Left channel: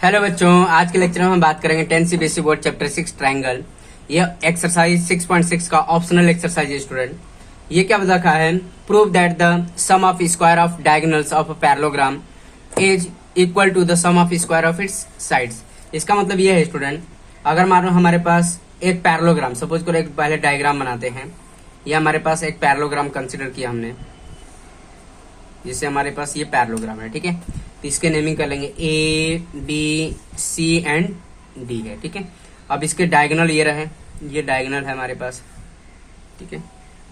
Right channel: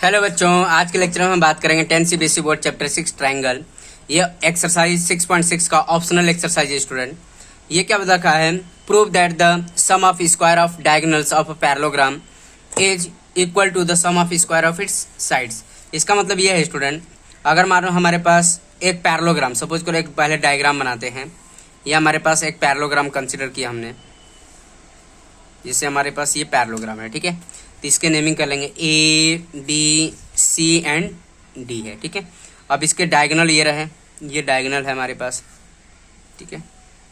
Hello बच्चों, आज के लेक्चर में हम बात करेंगे 10th CBSE board chapter 6 triangle. ये एक्सरसाइज 6.6 का ऑप्शनल एक्सरसाइज है स्टूडेंट। ये क्या बता रखा है? Prove that the sum of square of diagonals of a parallelogram is equal to the sum of square of its sides. इसका मतलब ये है स्टूडेंट, अगर मान लो हमारे पास एक पैरेललोग्राम, सपोज करो एक पहले डायग्राम बनाते हैं। ये हमारे पास एक पैरेललोग्राम कंसिडर किया हमने, जिससे हमारे पास ये पैरेललोग्राम है, ठीक है। तो इसके नेमिंग कर लेंगे A B C and D है, ठीक है। अब इसके डायगोनल ये रहे, ये डायगोनल है हमारे पास, ठीक है।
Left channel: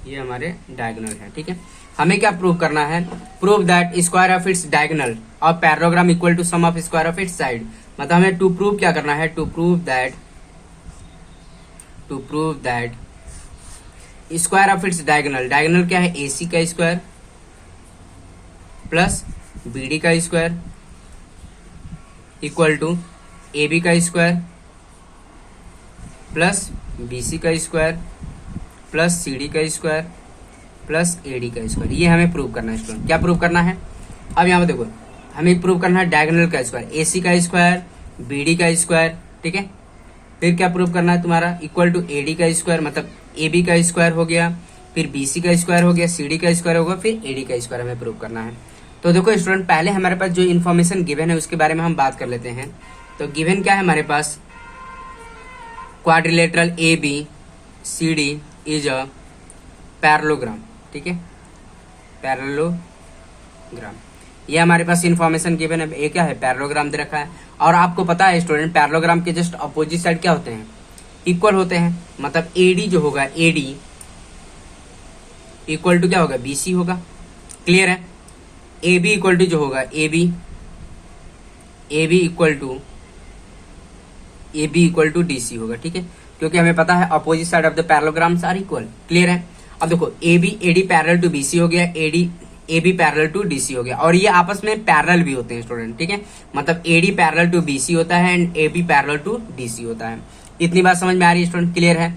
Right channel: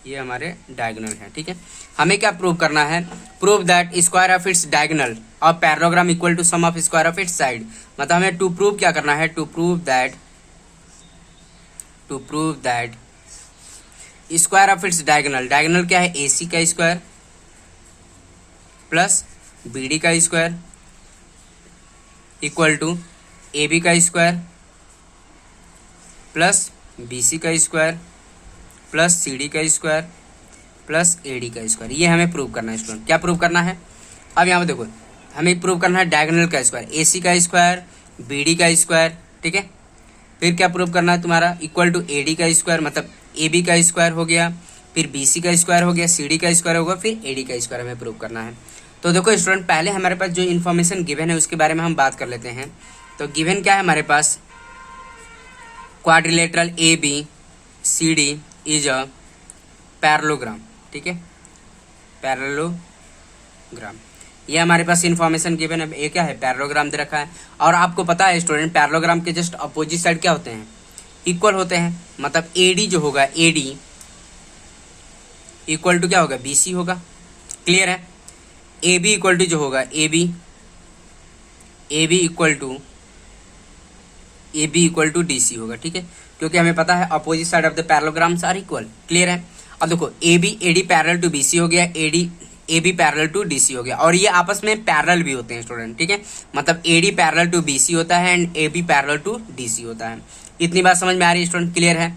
ये हमारे डायगोनल है, ठीक है। हमें क्या प्रूव करना है? Prove that square of its diagonal of parallelogram equal to sum of square of its side. मतलब हमें टू प्रूव क्या करना है? To prove that square of its diagonal. Diagonal क्या है? ए सी का स्क्वायर प्लस बी डी का square equal to A B का स्क्वायर प्लस बी सी का स्क्वायर प्लस सी डी का स्क्वायर प्लस ए डी का square. ये हमें प्रूव करना है स्टूडेंट। क्या प्रूव करना है? अब यहाँ पे देखो, हमें प्रूव करना है डायगोनल का स्क्वायर, ए सी का स्क्वायर, बी डी का स्क्वायर, ठीक है। फिर क्या प्रूव करना है तुम्हारा? इक्वल टू ए डी का स्क्वायर, मतलब ए बी का स्क्वायर हो गया, फिर बी सी का स्क्वायर हो गया, सी डी का स्क्वायर होगा, फिर ए डी का स्क्वायर हमें प्रूव करना है। तो देखो स्टूडेंट, पहले हमारे पास जो इन्फॉर्मेशन गिवन है उसके बारे में हम बात कर लेते हैं। तो गिवन क्या है हमारे पास? Quadrilateral A B C D is a parallelogram, ठीक है, पैरेललोग्राम। ये हमारे पास इन्फॉर्मेशन गिवन है। ये क्या है? पैरेललोग्राम दे रखा है। और आपको पता है स्टूडेंट, पैरेललोग्राम के जस्ट अपोजिट साइड क्या होते हैं? इक्वल होते हैं। मतलब ए डी जो होगा, ए डी इक्वल टू क्या होगा? बी सी होगा। क्लियर है? ए बी इक्वल टू जो होगा A B equal to D C होगा, ठीक है। क्योंकि हमें पता है opposite side of the parallelograms are equal. Clear है? अब देखो, A D parallel to B C हो गया, A B parallel to D C हो गया, और ये आपस में पैरेलल भी होते हैं स्टूडेंट, ठीक है। मतलब A D parallel to B C होता है and A B parallel to D C होता है। इतनी बात समझ में आ रही है स्टूडेंट? क्लियर है?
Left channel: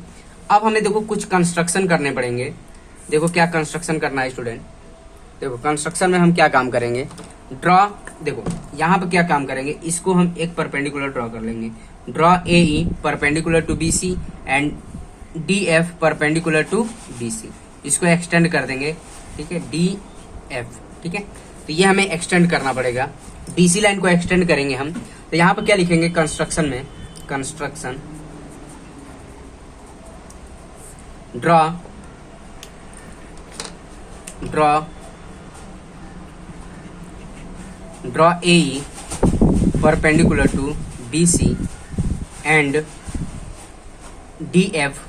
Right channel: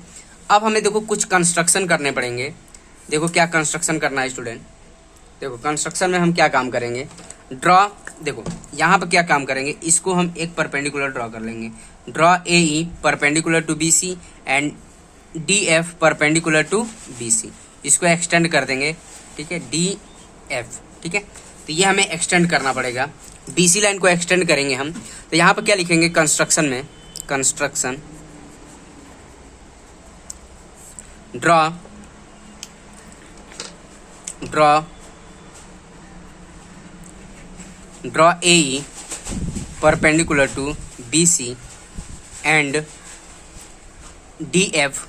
अब हमें देखो कुछ कंस्ट्रक्शन करने पड़ेंगे। देखो क्या कंस्ट्रक्शन करना है स्टूडेंट। देखो कंस्ट्रक्शन में हम क्या काम करेंगे? ड्रॉ, देखो यहाँ पर क्या काम करेंगे, इसको हम एक परपेंडिकुलर ड्रॉ कर लेंगे। Draw A E perpendicular to B C and D F perpendicular to B C. इसको एक्सटेंड कर देंगे, ठीक है, डी एफ, ठीक है। तो ये हमें एक्सटेंड करना पड़ेगा, बी सी लाइन को एक्सटेंड करेंगे हम। तो यहाँ पर क्या लिखेंगे कंस्ट्रक्शन में? Construction draw A E perpendicular to B C and D F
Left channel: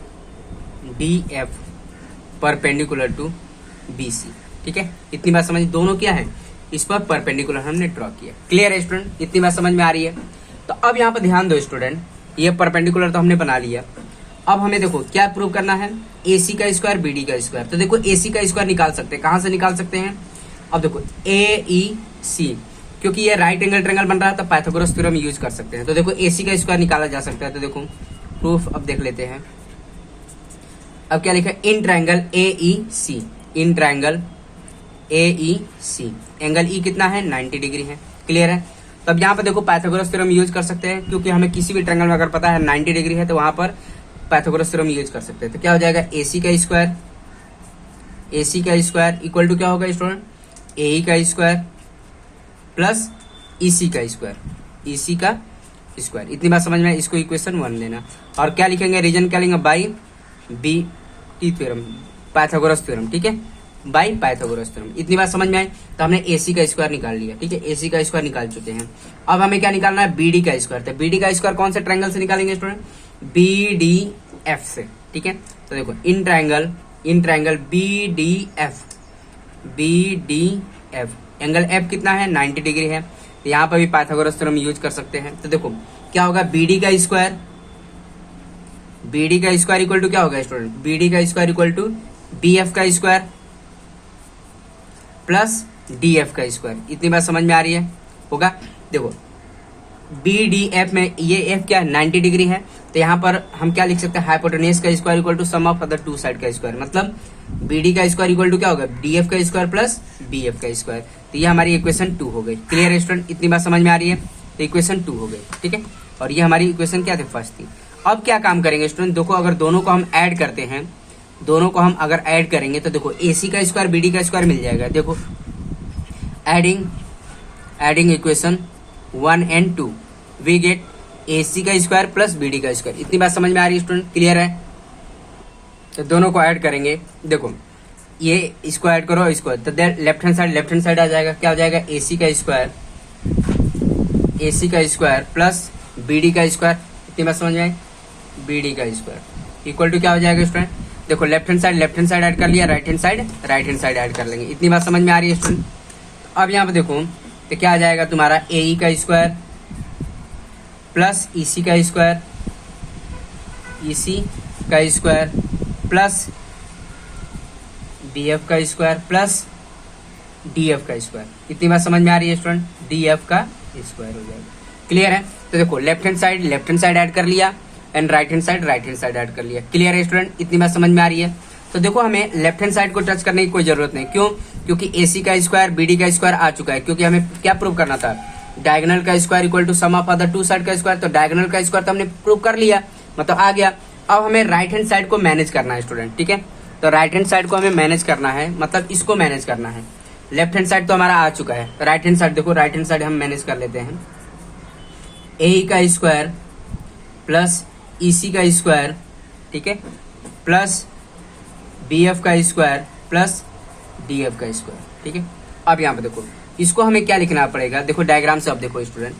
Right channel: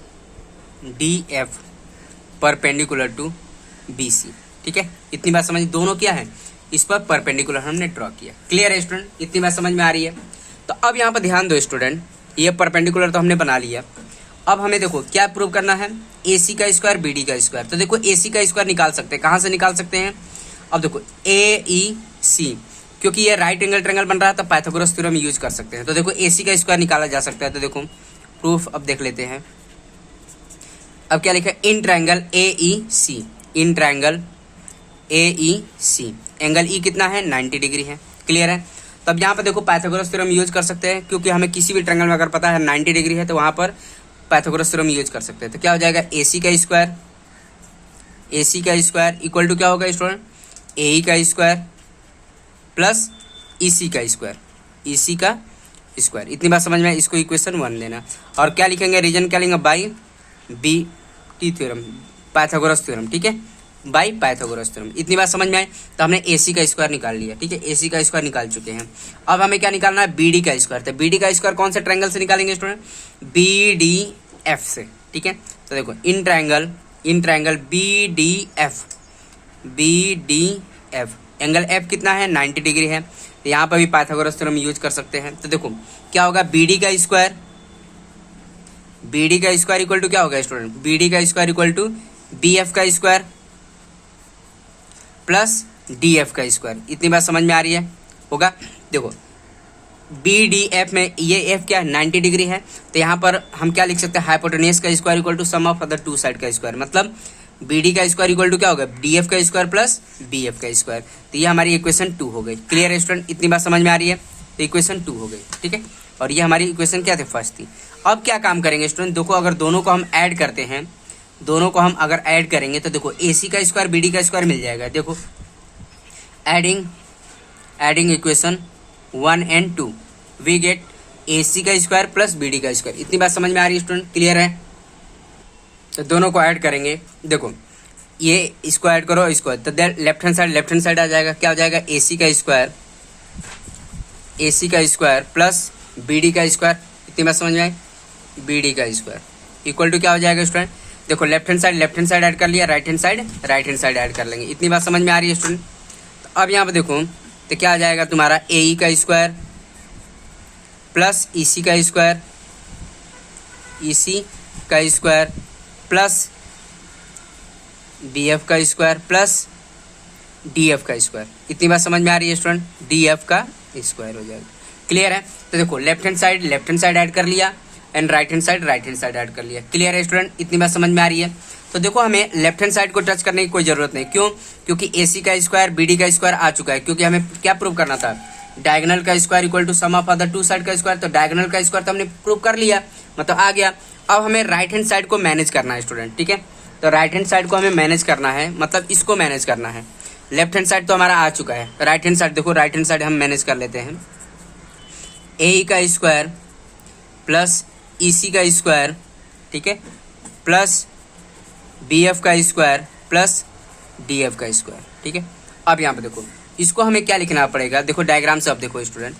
perpendicular to B C, ठीक है। इतनी बात समझ? दोनों क्या है? इस पर परपेंडिकुलर हमने ड्रॉ किया। क्लियर है स्टूडेंट? इतनी बात समझ में आ रही है? तो अब यहाँ पर ध्यान दो स्टूडेंट, ये परपेंडिकुलर तो हमने बना लिया। अब हमें देखो क्या प्रूव करना है? ए सी का स्क्वायर, बी डी का स्क्वायर। तो देखो ए सी का स्क्वायर निकाल सकते हैं। कहाँ से निकाल सकते हैं? अब देखो ए ई सी, क्योंकि ये राइट एंगल ट्रायंगल बन रहा है तो पाइथागोरस थ्योरम यूज कर सकते हैं। तो देखो ए सी का स्क्वायर निकाला जा सकता है। तो देखो प्रूफ अब देख लेते हैं। अब क्या लिखा है? In triangle A E C, in triangle A E C angle E कितना है? 90 डिग्री है। क्लियर है? तब यहाँ पर देखो पाइथागोरस थ्योरम यूज कर सकते हैं, क्योंकि हमें किसी भी ट्रायंगल में अगर पता है 90 डिग्री है तो वहां पर पाइथागोरस थ्योरम यूज कर सकते हैं। तो क्या हो जाएगा? ए सी का स्क्वायर इक्वल टू क्या होगा स्टूडेंट? ए ई का स्क्वायर प्लस ई सी का स्क्वायर। इतनी बात समझ में? इसको इक्वेशन 1 लेना। और क्या लिखेंगे? रीजन क्या लेंगे? By B T theorem, Pythagoras theorem, ठीक है, बाई पाइथागोरस थ्योरम। इतनी बात समझ में आई? तो हमने ए सी का स्क्वायर निकाल लिया, ठीक है, ए सी का स्क्वायर निकाल चुके हैं। अब हमें क्या निकालना है? बी डी का स्क्वायर। तो बी डी का स्क्वायर कौन से ट्रायंगल से निकालेंगे स्टूडेंट? बी डी एफ से, ठीक है। तो देखो in triangle B D F angle F कितना है? 90 डिग्री है। तो यहाँ पर भी पाइथागोरस थ्योरम यूज कर सकते हैं। तो देखो क्या होगा? बी डी का स्क्वायर इक्वल टू क्या होगा स्टूडेंट? बी डी का square equal to B F का स्क्वायर प्लस डी एफ का स्क्वायर। इतनी बात समझ में आ रही है? होगा? देखो बी डी एफ में ये एफ क्या है? 90 डिग्री है। तो यहाँ पर हम क्या लिख सकते हैं? हाइपोटेन्यूज का square equal to sum of other two side का स्क्वायर। मतलब बी डी का स्क्वायर इक्वल टू क्या होगा? डी एफ का स्क्वायर प्लस बी एफ का स्क्वायर। तो ये हमारी इक्वेशन 2 हो गई। क्लियर है स्टूडेंट? इतनी बात समझ में आ रही है? तो इक्वेशन 2 हो गई, ठीक है। और ये हमारी इक्वेशन क्या थी, फर्स्ट थी। अब क्या काम करेंगे स्टूडेंट, देखो अगर दोनों को हम ऐड करते हैं, दोनों को हम अगर ऐड करेंगे तो देखो AC का स्क्वायर BD का स्क्वायर मिल जाएगा। देखो adding equation 1 and 2 we get AC का स्क्वायर प्लस BD का स्क्वायर। इतनी बात समझ में आ रही है स्टूडेंट, क्लियर है। तो दोनों को ऐड करेंगे, देखो ये इसको ऐड करो इसको, तो लेफ्ट हैंड साइड आ जाएगा, क्या हो जाएगा, AC का स्क्वायर प्लस BD का स्क्वायर। इतनी बात समझ में आई, BD का स्क्वायर इक्वल टू क्या हो जाएगा स्टूडेंट, देखो लेफ्ट हैंड साइड ऐड कर लिया, राइट हैंड साइड ऐड कर लेंगे। इतनी बात समझ में आ रही है स्टूडेंट। अब यहाँ पे देखो तो क्या आ जाएगा तुम्हारा AE का स्क्वायर प्लस EC का स्क्वायर प्लस BF का स्क्वायर प्लस DF का स्क्वायर। इतनी बात समझ में आ रही है स्टूडेंट, DF का स्क्वायर हो जाएगा, क्लियर है। तो देखो लेफ्ट हैंड साइड ऐड कर लिया and right hand side add कर लिया, क्लियर है स्टूडेंट। इतनी बात समझ में आ रही है। तो देखो हमें लेफ्ट हैंड साइड को टच करने की कोई जरूरत नहीं, क्यों, क्योंकि AC का स्क्वायर BD का स्क्वायर आ चुका है, क्योंकि हमें क्या प्रूव करना था, डायगोनल का square equal to sum of other two side का स्क्वायर। तो डायगोनल का स्क्वायर तो हमने प्रूव कर लिया, मतलब आ गया। अब हमें राइट हैंड साइड को मैनेज करना है स्टूडेंट, ठीक है। तो राइट हैंड साइड को हमें मैनेज करना है, मतलब इसको मैनेज करना है। लेफ्ट हैंड साइड तो हमारा आ चुका है, राइट हैंड साइड देखो, राइट हैंड साइड हम मैनेज कर लेते हैं। AE का स्क्वायर प्लस EC का स्क्वायर, ठीक है, प्लस BF का स्क्वायर प्लस DF का स्क्वायर, ठीक है। अब यहाँ पे देखो इसको हमें क्या लिखना पड़ेगा, देखो डायग्राम से अब देखो स्टूडेंट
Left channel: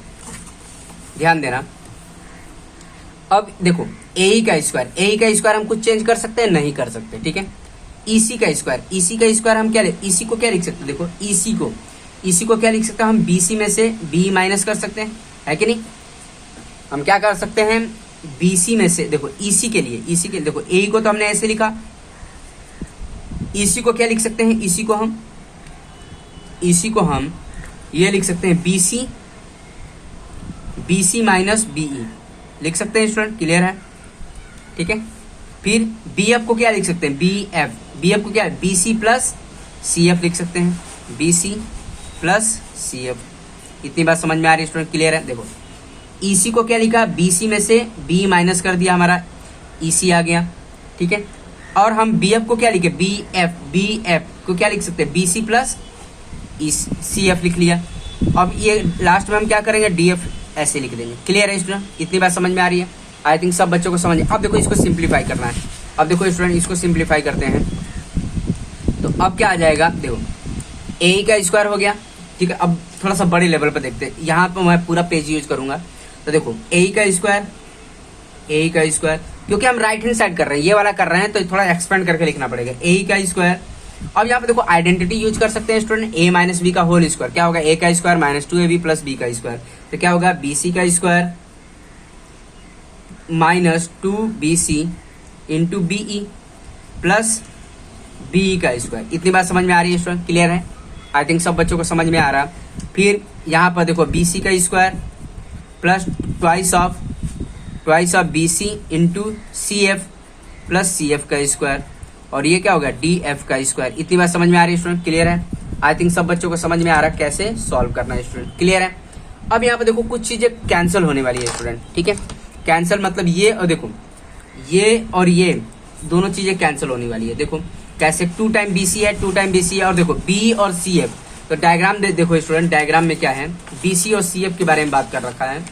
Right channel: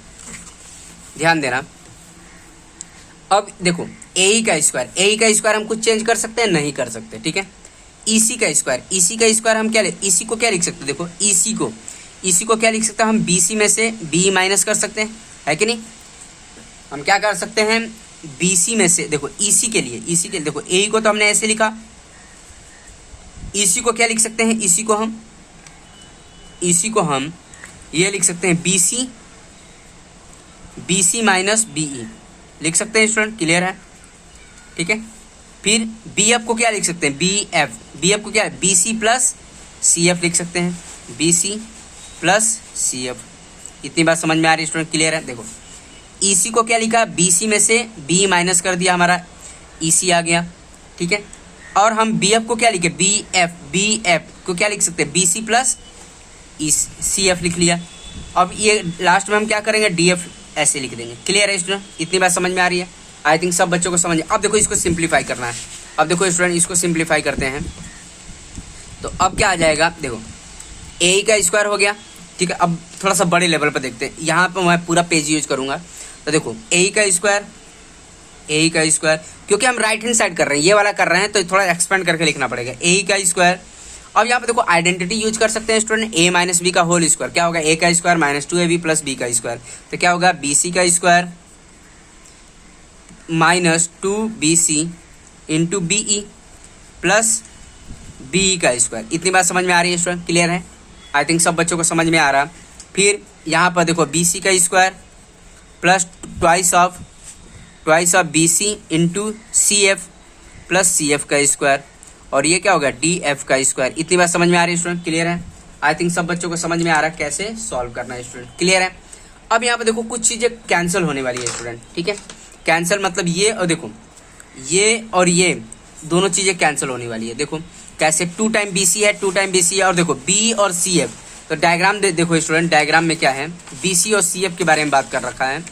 ध्यान देना। अब देखो AE का स्क्वायर हम कुछ चेंज कर सकते हैं, नहीं कर सकते, ठीक है। EC का स्क्वायर हम क्या EC को क्या लिख सकते हैं, देखो EC को क्या लिख सकते हैं हम, BC में से B माइनस कर सकते हैं, है कि नहीं। हम क्या कर सकते हैं, BC में से देखो EC के लिए देखो AE को तो हमने ऐसे लिखा, EC को क्या लिख सकते हैं, EC को हम ये लिख सकते हैं BC माइनस BE लिख सकते हैं स्टूडेंट, क्लियर है, ठीक है। फिर BF को क्या लिख सकते हैं, BF को क्या BC प्लस CF लिख सकते हैं, BC प्लस CF। इतनी बात समझ में आ रही है स्टूडेंट, क्लियर है। देखो EC को क्या लिखा, BC में से B माइनस कर दिया, हमारा EC आ गया, ठीक है। और हम BF को क्या लिखे, BF को क्या लिख सकते हैं, BC प्लस CF लिख लिया। अब ये लास्ट में हम क्या करेंगे, DF ऐसे लिख देंगे, क्लियर है स्टूडेंट। इतनी बात समझ में आ रही है, आई थिंक सब बच्चों को समझ। अब देखो इसको सिंप्लीफाई करना है, अब देखो स्टूडेंट इसको सिंप्लीफाई करते हैं तो अब क्या आ जाएगा, देखो AE का स्क्वायर हो गया, ठीक है। अब थोड़ा सा बड़े लेवल पर देखते हैं, यहाँ पे मैं पूरा पेज यूज करूंगा। तो देखो AE का स्क्वायर क्योंकि हम राइट हैंड साइड कर रहे हैं, ये वाला कर रहे हैं, तो थोड़ा एक्सपेंड करके लिखना पड़ेगा, AE का स्क्वायर। अब यहाँ पे देखो आइडेंटिटी यूज कर सकते हैं स्टूडेंट, A माइनस B का होल स्क्वायर, क्या होगा, A का square minus 2AB plus B का स्क्वायर। तो क्या होगा, BC का square minus 2BC into BE plus BE का स्क्वायर। इतनी बात समझ में आ रही है स्टूडेंट, क्लियर है। आई थिंक सब बच्चों को समझ में आ रहा। फिर यहाँ पर देखो BC का square plus twice of BC into CF plus CF का स्क्वायर, और ये क्या होगा, DF का स्क्वायर। इतनी बात समझ में आ रही है स्टूडेंट, क्लियर है। आई थिंक सब बच्चों को समझ में आ रहा है कैसे सॉल्व करना है स्टूडेंट, क्लियर है। अब यहाँ पे देखो कुछ चीजें कैंसिल होने वाली है स्टूडेंट, ठीक है। कैंसिल मतलब ये और देखो ये और ये दोनों चीजें कैंसिल होने वाली है। देखो कैसे, 2 टाइम BC है, 2 टाइम BC है, और देखो B और CF। तो डायग्राम देखो स्टूडेंट, डायग्राम में क्या है, BC और CF के बारे में बात कर रखा है,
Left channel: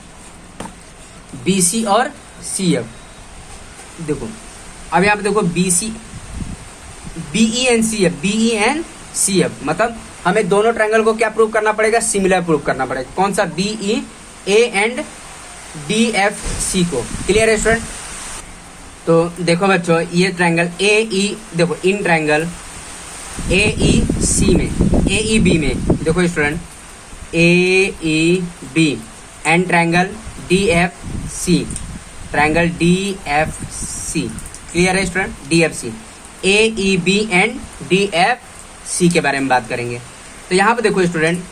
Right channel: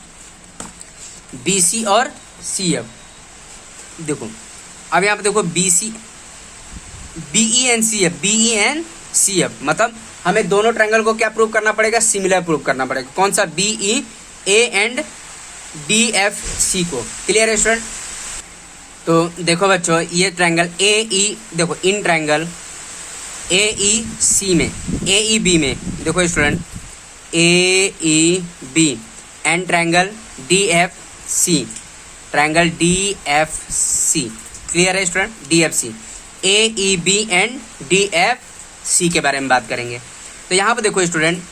BC और CF। देखो अब यहाँ पे देखो BE एंड CF, मतलब हमें दोनों ट्रायंगल को क्या प्रूव करना पड़ेगा, सिमिलर प्रूव करना पड़ेगा। कौन सा, BEA एंड DFC को, क्लियर है स्टूडेंट। तो देखो बच्चों ये ट्रायंगल AE, देखो इन ट्रायंगल AEB में देखो student AEB and triangle DFC, clear है student, DFC, AEB and DFC के बारे में बात करेंगे। तो यहाँ पे देखो स्टूडेंट,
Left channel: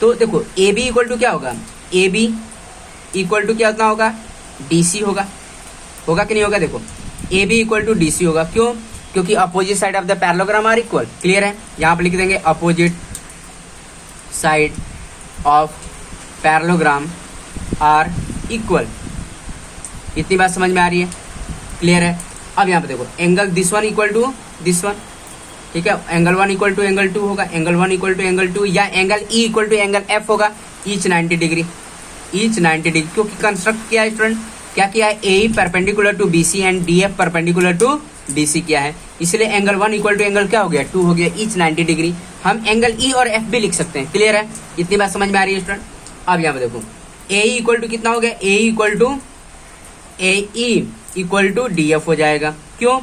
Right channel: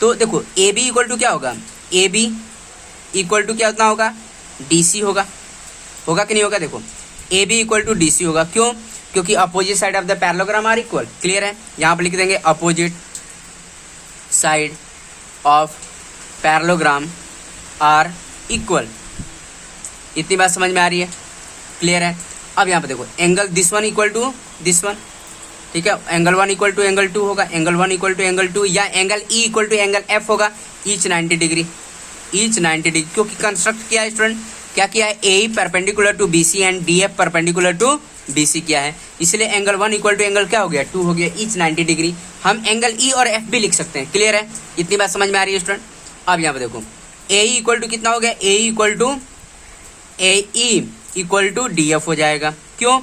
तो देखो AB इक्वल टू क्या होगा, AB इक्वल टू क्या उतना होगा, DC होगा कि नहीं होगा। देखो AB इक्वल टू DC होगा, क्यों, क्योंकि opposite side of the parallelogram are equal, clear है। यहाँ पे लिख देंगे opposite side of parallelogram are equal. इतनी बात समझ में आ रही है, क्लियर है। अब यहाँ पे देखो angle this one equal to this one, ठीक है, angle one equal to angle two होगा, angle one equal to angle two, या angle E equal to angle F होगा, ईच 90 डिग्री, ईच 90 डिग्री। क्योंकि कंस्ट्रक्ट किया है स्टूडेंट, क्या किया है, A perpendicular to B C and D F perpendicular to B C किया है, इसलिए angle one equal to angle क्या हो गया, 2 हो गया, ईच 90 डिग्री। हम एंगल ई और एफ भी लिख सकते हैं, क्लियर है। इतनी बात समझ में आ रही है स्टूडेंट। अब यहाँ पे देखो ए इक्वल टू कितना हो गया, A equal to D F हो जाएगा। क्यों,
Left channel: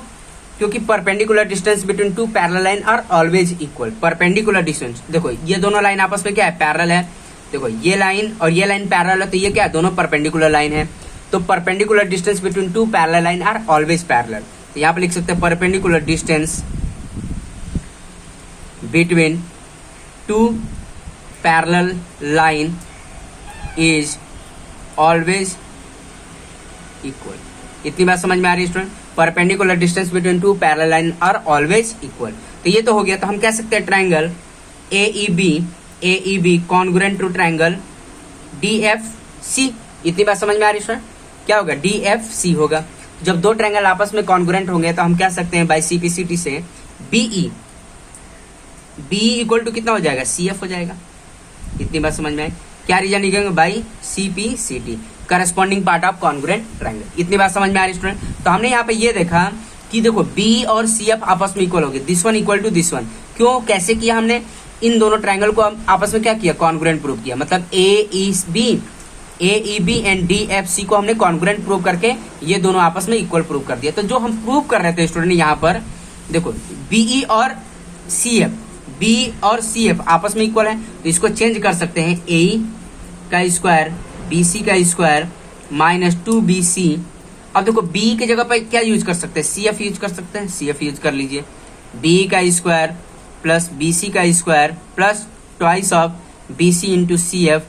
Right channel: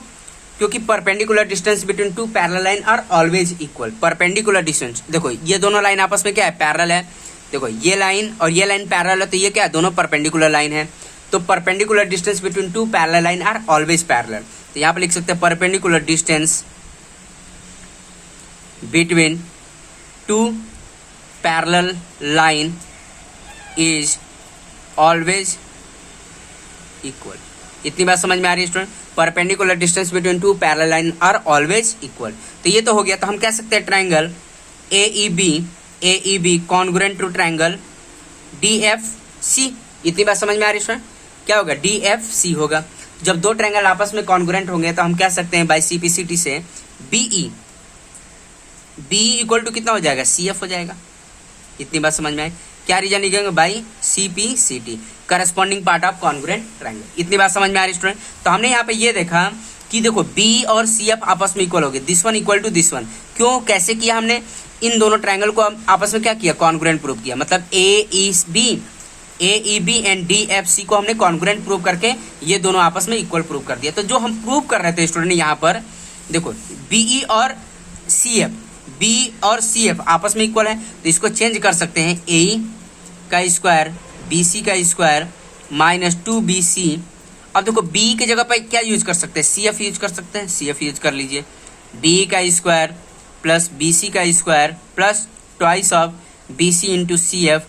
क्योंकि perpendicular distance between two parallel line are always equal. Perpendicular distance, देखो ये दोनों लाइन आपस में क्या है, पैरेलल है। देखो ये लाइन और ये लाइन पैरेलल है, तो ये क्या है, दोनों परपेंडिकुलर लाइन है। तो perpendicular distance between two parallel line are always parallel. तो यहाँ पे लिख सकते हैं perpendicular distance between two parallel line is always equal. इतनी बात समझ में आ रही है student. Perpendicular distance between two parallel line are always equal. तो ये तो हो गया। तो हम कह सकते हैं triangle A E B congruent to triangle D F C. इतनी बात समझ में आ रही है स्टूडेंट। क्या होगा, डी एफ सी होगा। जब दो ट्रायंगल आपस में कॉन्ग्रुएंट होंगे तो हम कह सकते हैं बाई सीपीसीटी से बी इक्वल टू कितना हो जाएगा, सी एफ हो जाएगा। इतनी बात समझ में आई। क्या रीजन लिखेंगे, by CPCT corresponding part of congruent triangle. इतनी बात समझ में आ रही स्टूडेंट। तो हमने यहाँ पे ये देखा कि देखो बी और सी एफ आपस में इक्वल हो गए, this one equal to this one. क्यों, कैसे किया हमने, इन दोनों ट्रायंगल को आपस में क्या किया, कॉन्ग्रुएंट प्रूव किया। मतलब A E B and D F C को हमने कॉन्ग्रुएंट प्रूव करके ये दोनों आपस में इक्वल प्रूव कर दिया। तो जो हम प्रूव कर रहे थे स्टूडेंट, यहाँ पर देखो बी और सी एफ आपस में इक्वल है, तो इसको चेंज कर सकते हैं, ए का स्क्वायर बी सी का स्क्वायर माइनस 2bc। अब देखो b की जगह पर क्या यूज कर सकते हैं, cf यूज कर सकते हैं, cf यूज कर लीजिए। b का स्क्वायर प्लस bc का square plus twice of bc into cf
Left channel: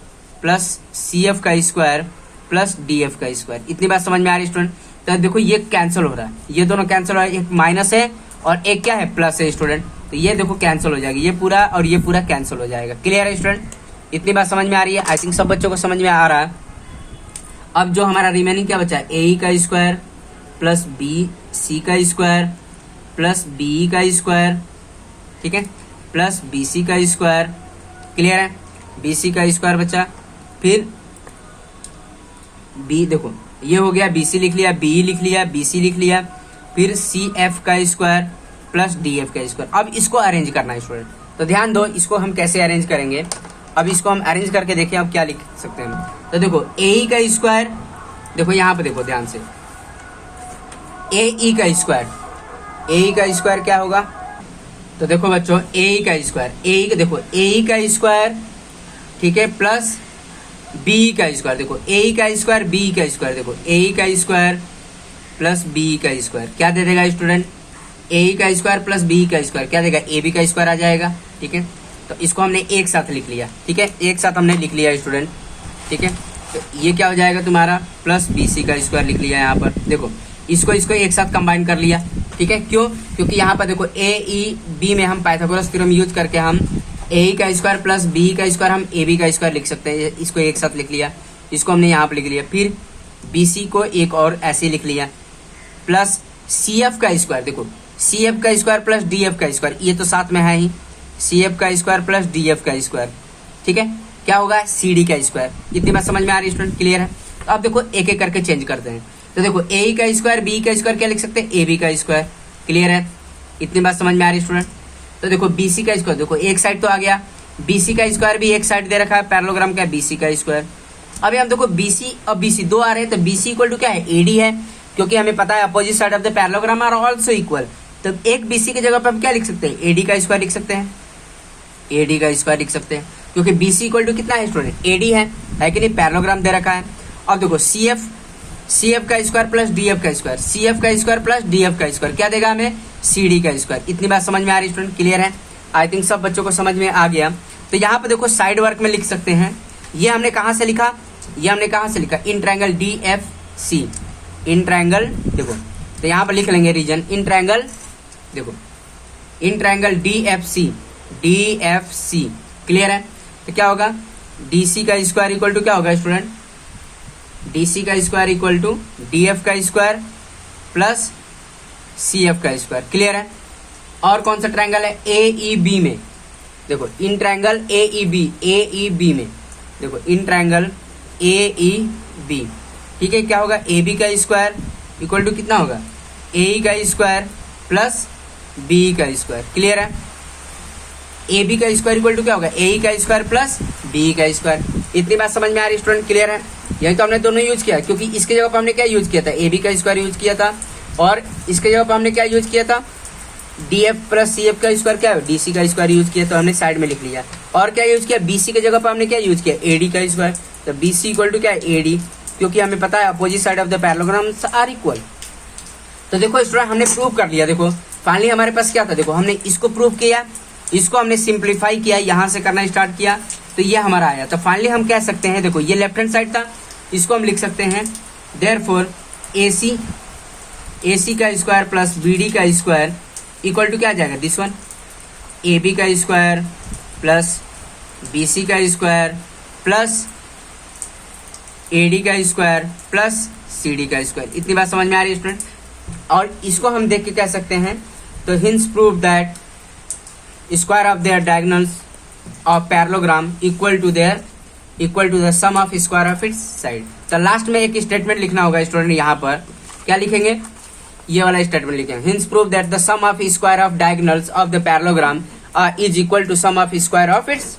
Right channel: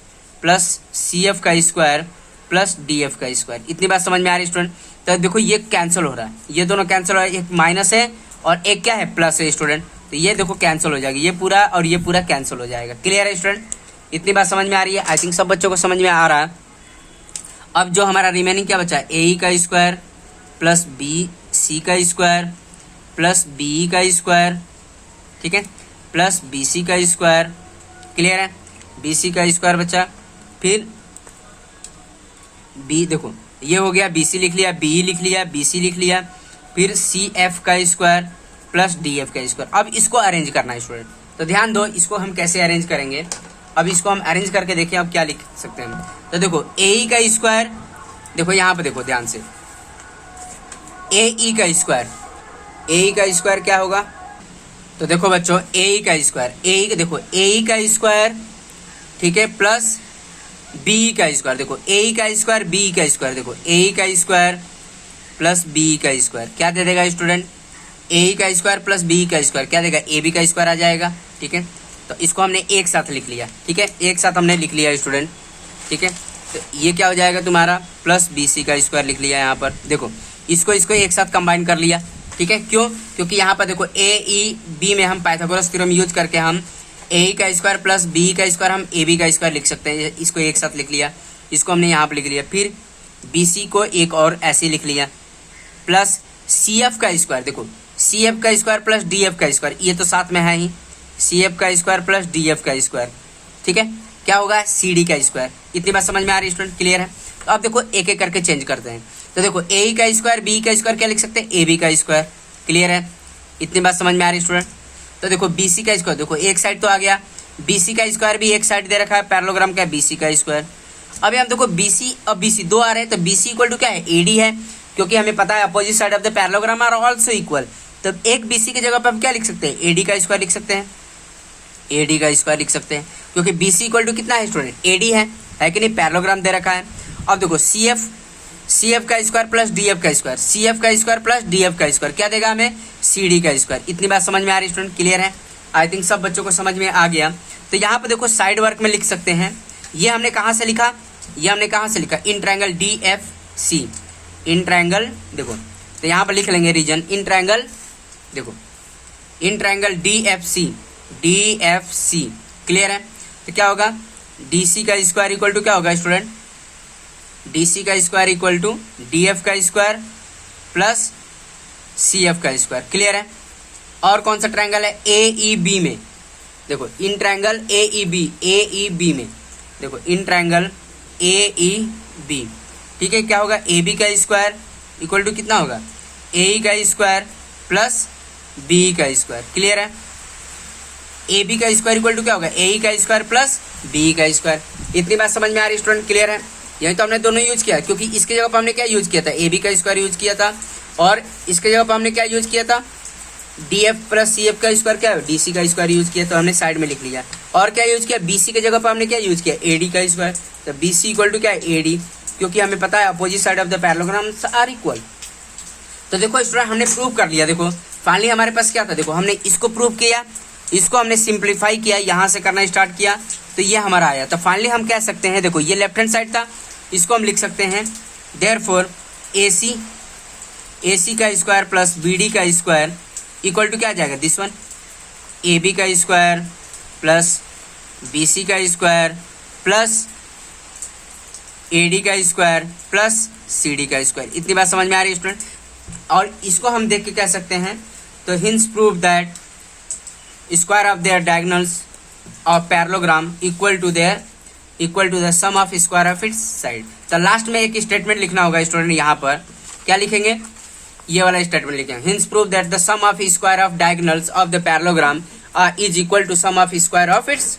plus cf का स्क्वायर प्लस df का स्क्वायर। इतनी बात समझ में आ रही है स्टूडेंट। तो देखो ये कैंसिल हो रहा है, ये दोनों कैंसिल हो रहा है, एक माइनस है और एक क्या है, प्लस है स्टूडेंट। तो ये देखो कैंसिल हो जाएगा, ये पूरा और ये पूरा कैंसिल हो जाएगा। क्लियर है स्टूडेंट। इतनी बात समझ में आ रही है, आई थिंक सब बच्चों को समझ में आ रहा है। अब जो हमारा रिमेनिंग क्या बचा, ए का स्क्वायर प्लस बी सी का स्क्वायर प्लस बी का स्क्वायर, ठीक है, प्लस बी सी का स्क्वायर। क्लियर है, बी सी का स्क्वायर बचा, फिर बी, देखो ये हो गया, बी सी लिख लिया, बी लिख लिया, बी सी लिख लिया, फिर सी एफ का स्क्वायर प्लस डी एफ का स्क्वायर। अब इसको अरेंज करना है स्टूडेंट। तो ध्यान दो, इसको हम कैसे अरेंज करेंगे। अब इसको हम अरेंज करके देखिए, अब क्या लिख सकते हैं। तो देखो ए का स्क्वायर, देखो यहाँ पे देखो ध्यान से, ए ई का स्क्वायर क्या होगा। तो देखो बच्चों ए का स्क्वायर, देखो ए का स्क्वायर, ठीक है, प्लस बी का स्क्वायर। देखो ए का स्क्वायर बी का स्क्वायर, देखो ए का स्क्वायर प्लस बी का स्क्वायर क्या दे देगा स्टूडेंट, ए का स्क्वायर प्लस बी का स्क्वायर क्या देगा, ए बी का स्क्वायर आ जाएगा। ठीक है, तो इसको हमने एक साथ लिख लिया, ठीक है, एक साथ हमने लिख लिया स्टूडेंट। ठीक है, तो ये क्या हो जाएगा तुम्हारा, प्लस बी सी का स्क्वायर लिख लिया यहाँ पर। देखो इसको एक साथ कंबाइन कर लिया, ठीक है, क्यों, क्योंकि यहाँ पर देखो ए ई बी में हम पाइथागोरस थ्योरम यूज करके हम ए का स्क्वायर प्लस बी का स्क्वायर हम ए बी का स्क्वायर लिख सकते हैं। इसको एक साथ लिख लिया, इसको हमने यहाँ पर लिख लिया, फिर बी सी को एक और ऐसे लिख लिया, प्लस सी एफ का स्क्वायर। देखो सी एफ का स्क्वायर प्लस डी एफ का स्क्वायर, ये तो साथ में है ही, सी एफ का स्क्वायर प्लस डी एफ का स्क्वायर, ठीक है, क्या होगा, सी डी का स्क्वायर। इतनी बात समझ में आ रही है स्टूडेंट, क्लियर है। तो अब देखो एक एक करके चेंज करते हैं। तो देखो ए का स्क्वायर बी का स्क्वायर क्या लिख सकते हैं, ए बी का स्क्वायर। क्लियर है, इतनी बात समझ में आ रही है स्टूडेंट। तो देखो बी सी का स्क्वायर, देखो एक साइड तो आ गया, बी सी का स्क्वायर भी एक साइड दे रखा है, पैरेललोग्राम का है बी सी का स्क्वायर। अब हम देखो बी सी और बी सी दो आ रहे हैं, तो बी सी इक्वल टू क्या है, ए डी है, क्योंकि हमें पता है opposite side of the parallelogram are also equal. तो एक बी सी की जगह पर हम क्या लिख सकते हैं, ए डी का स्क्वायर लिख सकते हैं, ए डी का स्क्वायर लिख सकते हैं, क्योंकि बी सी इक्वल टू कितना है स्टूडेंट, ए डी है कि नहीं, पैरेललोग्राम दे रखा है। अब देखो सी एफ का स्क्वायर प्लस डी एफ का स्क्वायर, सी एफ का स्क्वायर प्लस डी एफ का स्क्वायर क्या देगा हमें, सी डी का स्क्वायर। इतनी बात समझ में आ रही है स्टूडेंट, क्लियर है। आई थिंक सब बच्चों को समझ में आ गया। तो यहाँ पे देखो साइड वर्क में लिख सकते हैं, ये हमने कहाँ से लिखा, ये हमने कहाँ से लिखा, in triangle D F C, in triangle, देखो तो यहाँ पर लिख लेंगे रीजन, इन ट्रायंगल, देखो in triangle D F C, clear है। तो क्या होगा, डी सी का स्क्वायर इक्वल टू क्या होगा स्टूडेंट, डी सी का square equal to D F का स्क्वायर प्लस सी एफ का स्क्वायर। क्लियर है। और कौन सा ट्रायंगल है, ए ई बी में, देखो in triangle A E B में, देखो in triangle A E B, ठीक है। क्या होगा, ए बी का स्क्वायर इक्वल टू कितना होगा, ए ई का स्क्वायर प्लस बी का स्क्वायर। क्लियर है। ए बी का स्क्वायर इक्वल टू क्या होगा, ए ई का स्क्वायर प्लस बी का स्क्वायर। इतनी बात समझ में आ रही स्टूडेंट। क्लियर है। यही तो हमने दोनों यूज किया, क्योंकि इसके जगह पर हमने क्या यूज किया था, ए बी का स्क्वायर यूज किया था, और इसके जगह पर हमने क्या यूज किया था, D F plus C F का स्क्वायर क्या है, डी सी का स्क्वायर यूज किया, तो हमने साइड में लिख लिया। और क्या यूज किया, बी सी की जगह पर हमने क्या यूज किया, ए डी का स्क्वायर, तो बी सी इक्वल टू क्या है, ए डी, क्योंकि हमें पता है opposite side of the parallelograms are equal. तो देखो स्टूडेंट हमने प्रूव कर लिया। देखो फाइनली हमारे पास क्या था, देखो हमने इसको प्रूव किया, इसको हमने सिंप्लीफाई किया, यहां से करना स्टार्ट किया, तो ये हमारा आया। तो फाइनली हम कह सकते हैं, देखो ये लेफ्ट हैंड साइड था, इसको हम लिख सकते हैं देयरफॉर ए सी का स्क्वायर प्लस बी डी का स्क्वायर इक्वल टू क्या आ जाएगा, दिस वन, ए बी का स्क्वायर प्लस बी सी का स्क्वायर प्लस ए डी का स्क्वायर प्लस सी डी का स्क्वायर। इतनी बात समझ में आ रही है स्टूडेंट। और इसको हम देख के कह सकते हैं, तो hence prove that square of their diagonals of parallelogram equal to the sum of square of its side. तो लास्ट में एक स्टेटमेंट लिखना होगा स्टूडेंट, यहाँ पर क्या लिखेंगे, ये वाला स्टेटमेंट लिखेंगे, hence prove that the sum of square of diagonals of the parallelogram is equal to sum of square of its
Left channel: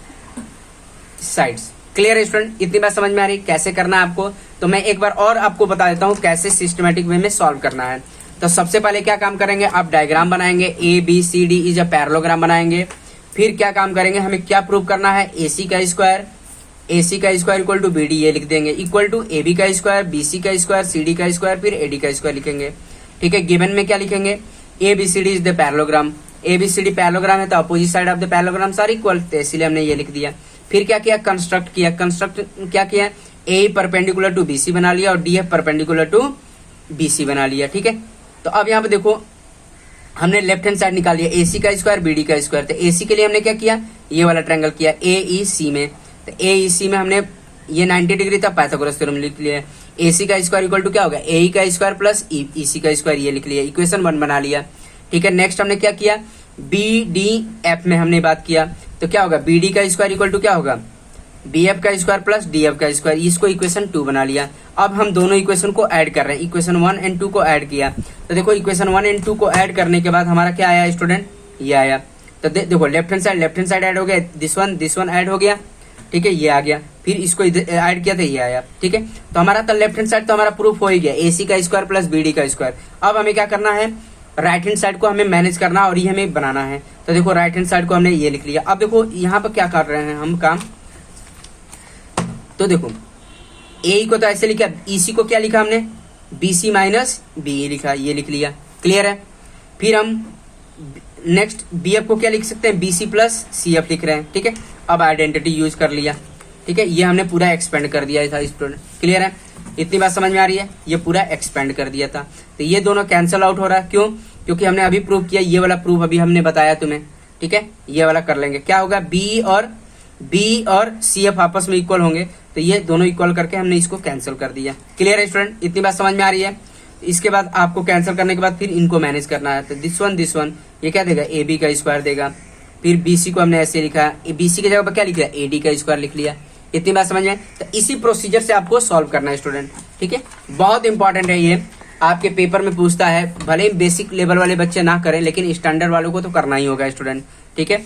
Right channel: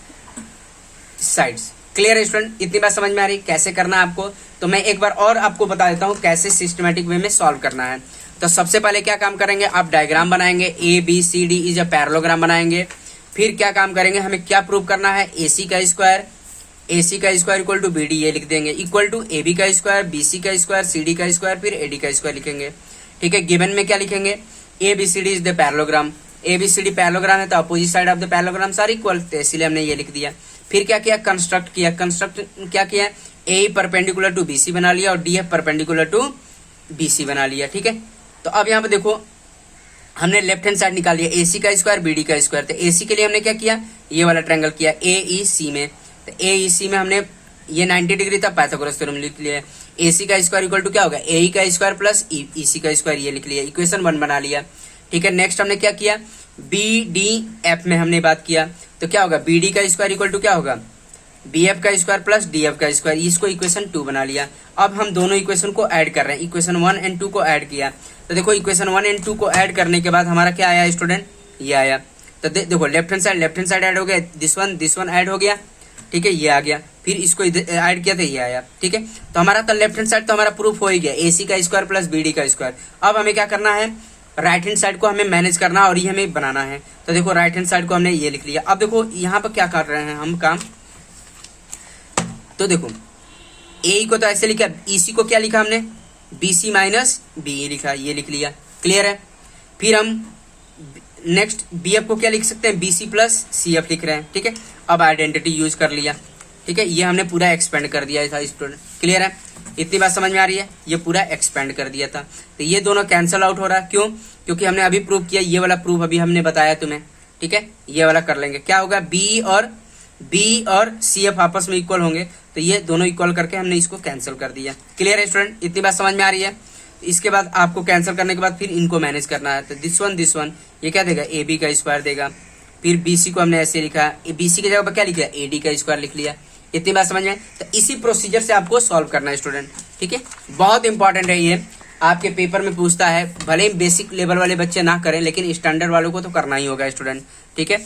sides. Clear है स्टूडेंट। इतनी बात समझ में आ रही कैसे करना है आपको। तो मैं एक बार और आपको बता देता हूँ कैसे सिस्टमेटिक वे में सॉल्व करना है। तो सबसे पहले क्या काम करेंगे, आप डायग्राम बनाएंगे, A B C D is a parallelogram बनाएंगे। फिर क्या काम करेंगे, हमें क्या प्रूव करना है, ए सी का square equal to B D, ये लिख देंगे, इक्वल टू ए बी का स्क्वायर, बी सी का स्क्वायर, सी डी का स्क्वायर, फिर ए डी का स्क्वायर लिखेंगे। ठीक है। गिवन में क्या लिखेंगे, A B C D is the parallelogram, A B C D parallelogram है, तो opposite side of the parallelograms are equal, तो इसलिए हमने ये लिख दिया। फिर क्या किया, कंस्ट्रक्ट क्या किया, A perpendicular to B C बना लिया और D F perpendicular to B C बना लिया। ठीक है। तो अब यहाँ पे देखो हमने लेफ्ट हैंड साइड निकाल लिया, ए सी का स्क्वायर बी डी का स्क्वायर। तो ए सी के लिए हमने क्या किया, ये वाला ट्रायंगल किया ए ई सी में, तो ए ई सी में हमने ये 90 डिग्री था, पाइथागोरस थ्योरम लिख लिया। ए सी का स्क्वायर इक्वल टू क्या होगा, ए ई का स्क्वायर प्लस ई सी का स्क्वायर, ये लिख लिया, इक्वेशन 1 बना लिया। ठीक है। नेक्स्ट हमने क्या किया, बी डी एफ में हमने बात किया, तो क्या होगा, बी डी का स्क्वायर इक्वल टू क्या होगा, बी एफ का स्क्वायर प्लस डी एफ का स्क्वायर, इसको इक्वेशन 2 बना लिया। अब हम दोनों इक्वेशन को ऐड कर रहे हैं, इक्वेशन 1 एंड 2 को ऐड किया। तो देखो इक्वेशन 1 एंड 2 को ऐड करने के बाद हमारा क्या आया स्टूडेंट, ये आया। तो देखो लेफ्ट हैंड साइड ऐड हो गया, दिस वन ऐड हो गया। ठीक है, ये आ गया। फिर इसको ऐड किया तो ये आया। ठीक है। तो हमारा तो लेफ्ट हैंड साइड तो हमारा प्रूफ हो ही गया, ए सी का स्क्वायर प्लस बी डी का स्क्वायर। अब हमें क्या करना है, राइट हैंड साइड को हमें मैनेज करना और ये हमें बनाना है। तो देखो राइट हैंड साइड को हमने ये लिख लिया। अब देखो यहाँ पर क्या कर रहे हैं हम काम, तो देखो ए को तो ऐसे लिखा, ईसी को क्या लिखा हमने, बी सी माइनस बी लिखा, ये लिख लिया। क्लियर है। फिर हम नेक्स्ट बी एफ को क्या लिख सकते हैं, B C plus C F लिख रहे हैं। ठीक है। अब आइडेंटिटी यूज कर लिया। ठीक है। ये हमने पूरा एक्सपेंड कर दिया था स्टूडेंट। क्लियर है। इतनी बात समझ में आ रही है, ये पूरा एक्सपेंड कर दिया था। तो ये दोनों कैंसिल आउट हो रहा है, क्यों, क्योंकि हमने अभी प्रूव किया, ये वाला प्रूफ अभी हमने बताया तुम्हें। ठीक है। ये वाला कर लेंगे, क्या होगा, बी और सी एफ आपस में इक्वल होंगे, तो ये दोनों इक्वल करके हमने इसको कैंसिल कर दिया। क्लियर है स्टूडेंट। इतनी बात समझ में आ रही है। इसके बाद आपको कैंसिल करने के बाद फिर इनको मैनेज करना है। तो दिस वन ये क्या देगा, ए बी का स्क्वायर देगा। फिर बी सी को हमने ऐसे लिखा, बी सी की जगह पर क्या लिखा, ए डी का स्क्वायर लिख लिया। इतनी बात समझ में। तो इसी प्रोसीजर से आपको सॉल्व करना है स्टूडेंट। ठीक है। बहुत इंपॉर्टेंट है ये, आपके पेपर में पूछता है, भले ही बेसिक लेवल वाले बच्चे ना करें, लेकिन स्टैंडर्ड वालों को तो करना ही होगा स्टूडेंट। ठीक है।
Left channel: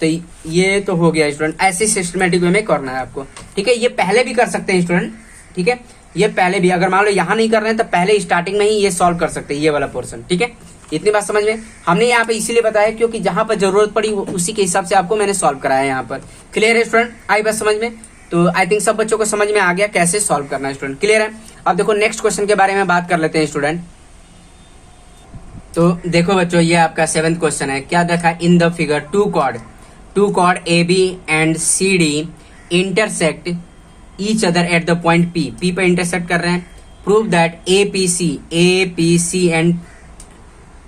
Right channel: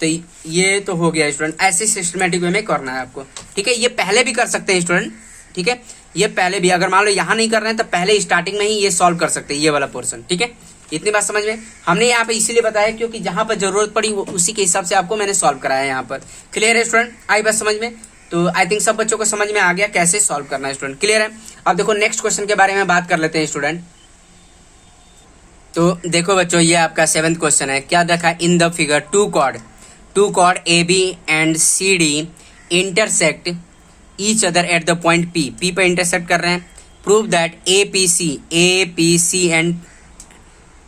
तो ये तो हो गया स्टूडेंट, ऐसे सिस्टमेटिक वे में करना है आपको। ठीक है। ये पहले भी कर सकते हैं स्टूडेंट। ठीक है। ये पहले भी, अगर मान लो यहाँ नहीं कर रहे हैं तो पहले स्टार्टिंग में ही ये सॉल्व कर सकते हैं, ये वाला पोर्शन। ठीक है। इतनी बात समझ में। हमने यहाँ पे इसीलिए बताया क्योंकि जहां पर जरूरत पड़ी उसी के हिसाब से आपको मैंने सॉल्व कराया यहाँ पर। क्लियर है स्टूडेंट, आई बात समझ में। तो आई थिंक सब बच्चों को समझ में आ गया कैसे सॉल्व करना है स्टूडेंट। क्लियर है। अब देखो नेक्स्ट क्वेश्चन के बारे में बात कर लेते हैं स्टूडेंट। तो देखो बच्चों, ये आपका 7th क्वेश्चन है। क्या देखा, in the figure two chord A B and C D intersect each other at the point P पर इंटरसेक्ट कर रहे हैं। Prove that A P C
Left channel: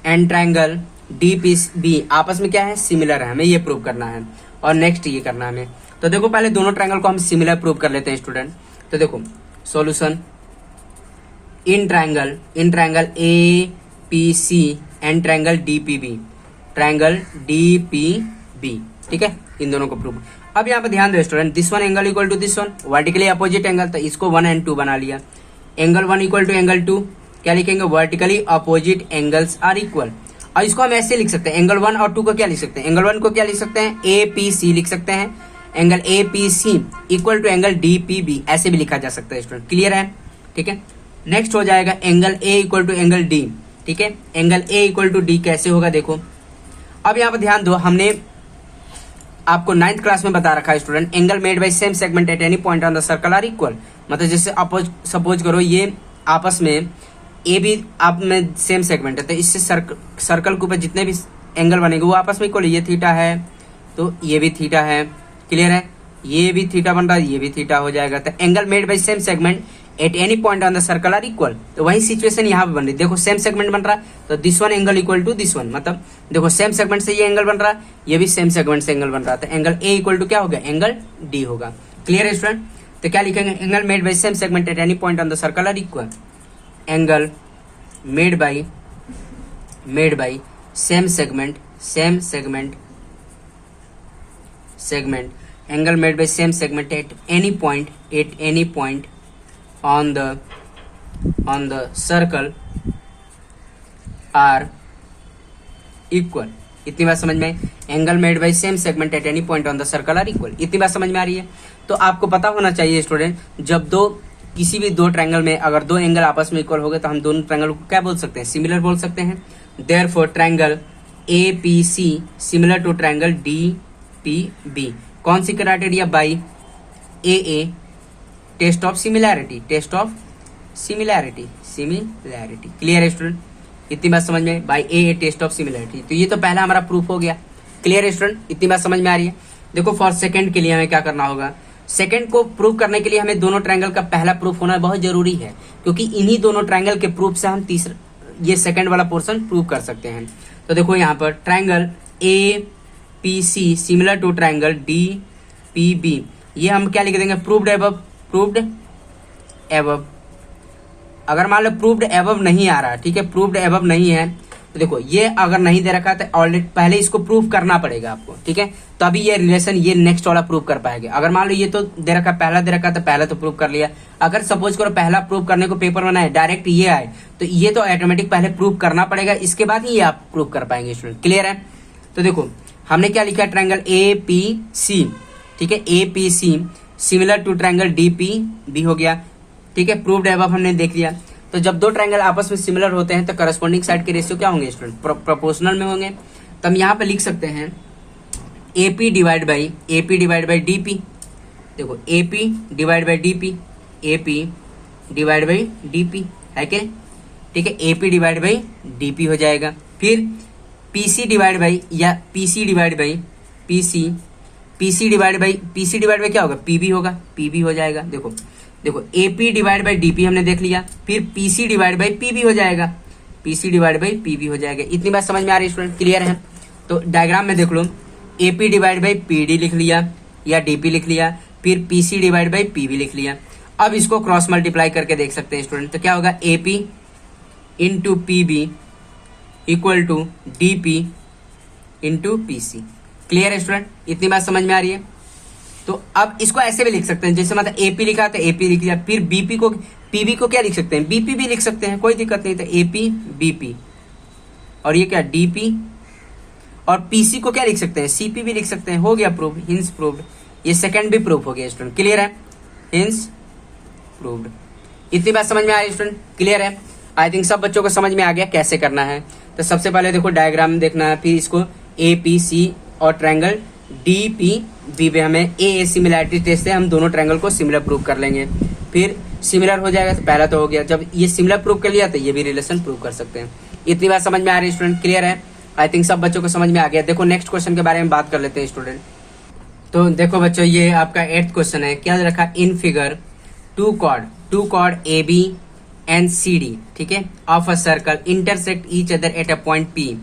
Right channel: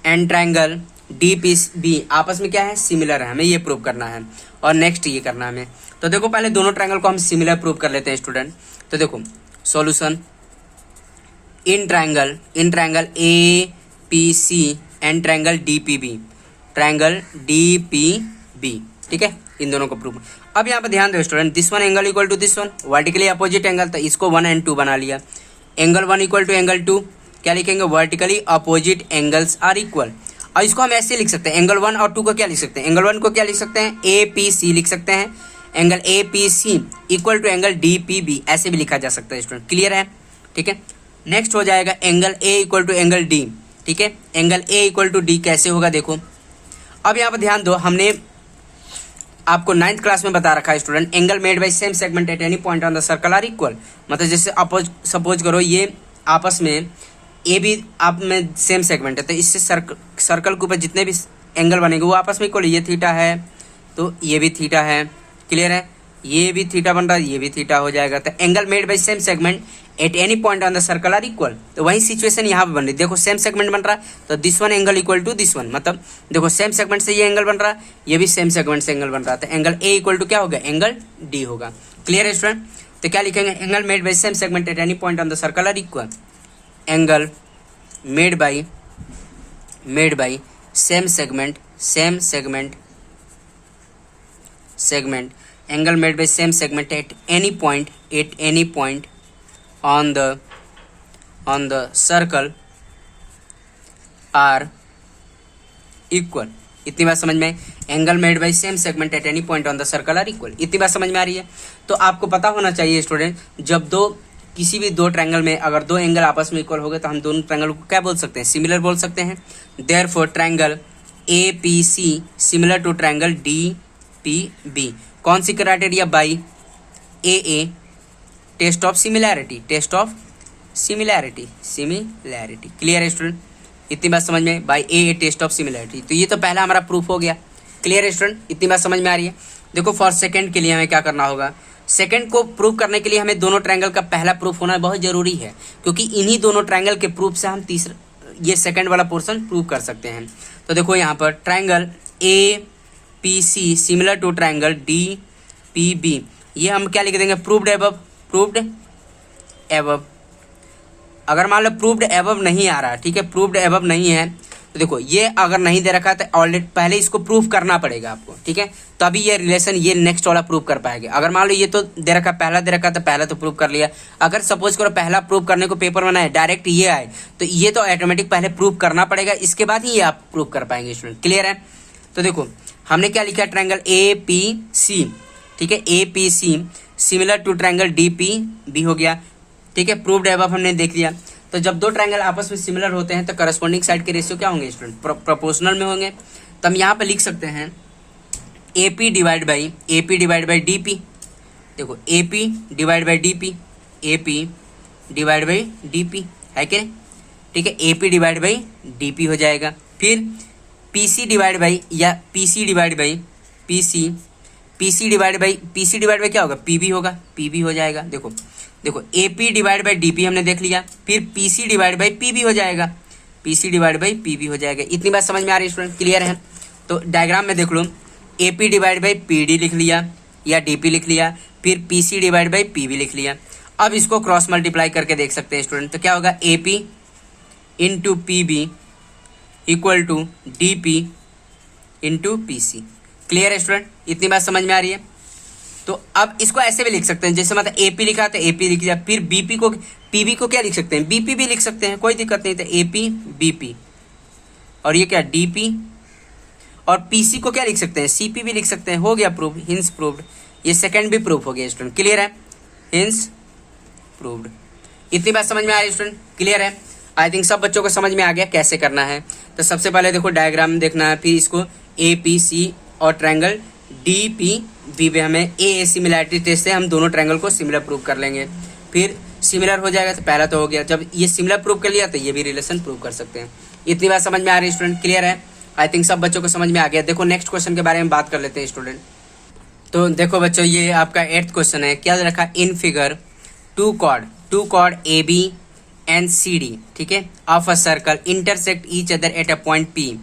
and triangle D P B आपस में क्या है, सिमिलर है। हमें ये प्रूव करना है और नेक्स्ट ये करना है हमें। तो देखो पहले दोनों ट्रायंगल को हम सिमिलर प्रूव कर लेते हैं स्टूडेंट। तो देखो solution, in triangle A P C and triangle D P B, triangle D P B, ठीक है, इन दोनों को प्रूव। अब यहाँ पे ध्यान दो student, this one angle equal to this one, vertically opposite angle, तो इसको 1 and 2 बना लिया। एंगल 1 इक्वल टू एंगल 2, क्या लिखेंगे, vertically opposite angles are equal. और इसको हम ऐसे लिख सकते हैं, एंगल 1 और 2 को क्या लिख सकते हैं, एंगल 1 को क्या लिख सकते हैं, ए पी सी लिख सकते हैं, angle A P C equal to angle D P B, ऐसे भी लिखा जा सकता है स्टूडेंट, क्लियर है, ठीक है। नेक्स्ट हो जाएगा angle A equal to angle D, ठीक है, angle A equal to D कैसे होगा देखो। अब यहाँ पर ध्यान दो, हमने आपको 9th क्लास में बता रखा है student, angle made by same segment at any point on the circle are equal. मतलब जैसे सपोज करो ये आपस में ए भी आप में सेम सेगमेंट है, तो इससे सर्कल के ऊपर जितने भी एंगल बनेंगे वो आपस में इक्वल, ये थीटा है तो ये भी थीटा है, क्लियर है, ये भी थीटा बन रहा है, ये भी थीटा हो जाएगा। तो angle made by same segment at any point on the circle are equal. तो वही सिचुएशन यहाँ पे बन रही, देखो सेम सेगमेंट बन रहा है तो this one angle equal to this one, मतलब देखो सेम सेगमेंट से ये एंगल बन रहा है, ये भी सेम सेगमेंट से एंगल बन रहा है, तो एंगल ए इक्वल टू क्या हो गया, एंगल डी होगा, क्लियर है स्टूडेंट। तो क्या लिखेंगे, angle made by same segment at any point on the circle are equal, angle made by same segment angle made by same segment at any point on the circle are equal। इतनी बात समझ में, angle made by same segment at any point on the circle are equal, इतनी बात समझ में आ रही है। तो आपको पता होना चाहिए स्टूडेंट, जब किसी भी दो ट्रायंगल में अगर दो एंगल आपस में इक्वल हो गए तो हम दोनों ट्रायंगल को क्या बोल सकते हैं, सिमिलर बोल सकते हैं। Therefore triangle A P C similar to triangle D P B. कौन सी criteria, by a test of similarity, clear है स्टूडेंट, इतनी बात समझ में, by a test of similarity. तो ये तो पहला हमारा प्रूफ हो गया, क्लियर है स्टूडेंट, इतनी बात समझ में आ रही है। देखो फॉर सेकंड के लिए हमें क्या करना होगा, सेकंड को प्रूव करने के लिए हमें दोनों ट्रायंगल का पहला प्रूफ होना बहुत जरूरी है, क्योंकि इन्हीं दोनों ट्रायंगल के प्रूफ से हम तीसरा ये सेकंड वाला पोर्शन प्रूव कर सकते हैं। तो देखो यहाँ पर triangle A P C similar to triangle D P B, ये हम क्या लिख देंगे, प्रूव्ड एबव। अगर मान लो प्रूव्ड एबव नहीं आ रहा, ठीक है, प्रूव्ड एबव नहीं है, तो देखो ये अगर नहीं दे रखा तो ऑलरेडी पहले इसको प्रूव करना पड़ेगा आपको, ठीक है, तो अभी ये रिलेशन ये नेक्स्ट वाला प्रूव कर पाएंगे। अगर मान लो ये तो दे रखा, पहला दे रखा तो पहला तो प्रूव कर लिया। अगर सपोज करो पहला प्रूव करने को पेपर में ना है, डायरेक्ट ये आए, तो ये तो ऑटोमेटिक पहले प्रूव करना पड़ेगा, इसके बाद ही ये आप प्रूव कर पाएंगे स्टूडेंट, क्लियर है। तो देखो हमने क्या लिखा, ट्रायंगल ए पी सी, ठीक है, A P C similar to triangle D P B हो गया, ठीक है, प्रूव्ड एबव हमने देख लिया। तो जब दो ट्रायंगल आपस में सिमिलर होते हैं तो करस्पॉन्डिंग साइड के रेशियो क्या होंगे स्टूडेंट, प्रोपोर्शनल में होंगे। तो हम यहाँ पे लिख सकते हैं AP डिवाइड बाई DP। देखो AP डिवाइड बाई DP है क्या, ठीक है, AP डिवाइड बाई DP हो जाएगा। फिर PC डिवाइड बाई क्या होगा, PB होगा, PB हो जाएगा। देखो AP डिवाइड बाई DP हमने देख लिया, फिर PC डिवाइड बाई PB हो जाएगा, इतनी बात समझ में आ रही है स्टूडेंट, क्लियर है। तो डायग्राम में देख लो, AP डिवाइड बाई PD लिख लिया या DP लिख लिया, फिर PC डिवाइड बाई PB लिख लिया। अब इसको क्रॉस मल्टीप्लाई करके देख सकते हैं स्टूडेंट, तो क्या होगा, AP into PB equal to DP into PC, क्लियर है स्टूडेंट, इतनी बात समझ में आ रही है। तो अब इसको ऐसे भी लिख सकते हैं, जैसे मतलब AP लिखा तो AP लिख दिया, फिर PB को क्या लिख सकते हैं, BP भी लिख सकते हैं, कोई दिक्कत नहीं। तो AP BP और ये क्या DP, और PC को क्या लिख सकते हैं, CP भी लिख सकते हैं, हो गया प्रूव, हिंस प्रूव्ड। ये सेकंड भी प्रूफ हो गया स्टूडेंट, क्लियर है, हिंस प्रूव्ड। इतनी बात समझ में आ रही है स्टूडेंट, क्लियर है। आई थिंक सब बच्चों को समझ में आ गया कैसे करना है। तो सबसे पहले देखो डायग्राम देखना है, फिर इसको APC और ट्रायंगल DPB पे हमें ए सिमिलैरिटी टेस्ट से हम दोनों ट्रायंगल को सिमिलर प्रूव कर लेंगे। फिर सिमिलर हो जाएगा तो पहला तो हो गया, जब ये सिमिलर प्रूव कर लिया तो ये भी रिलेशन प्रूव कर सकते हैं। इतनी बात समझ में आ रही है स्टूडेंट, क्लियर है। आई थिंक सब बच्चों को समझ में आ गया। देखो नेक्स्ट क्वेश्चन के बारे में बात कर लेते हैं स्टूडेंट। तो देखो बच्चों, ये आपका 8th क्वेश्चन है, क्या रखा, in figure two chord AB and CD, ठीक है, of a circle intersect each other at a point P,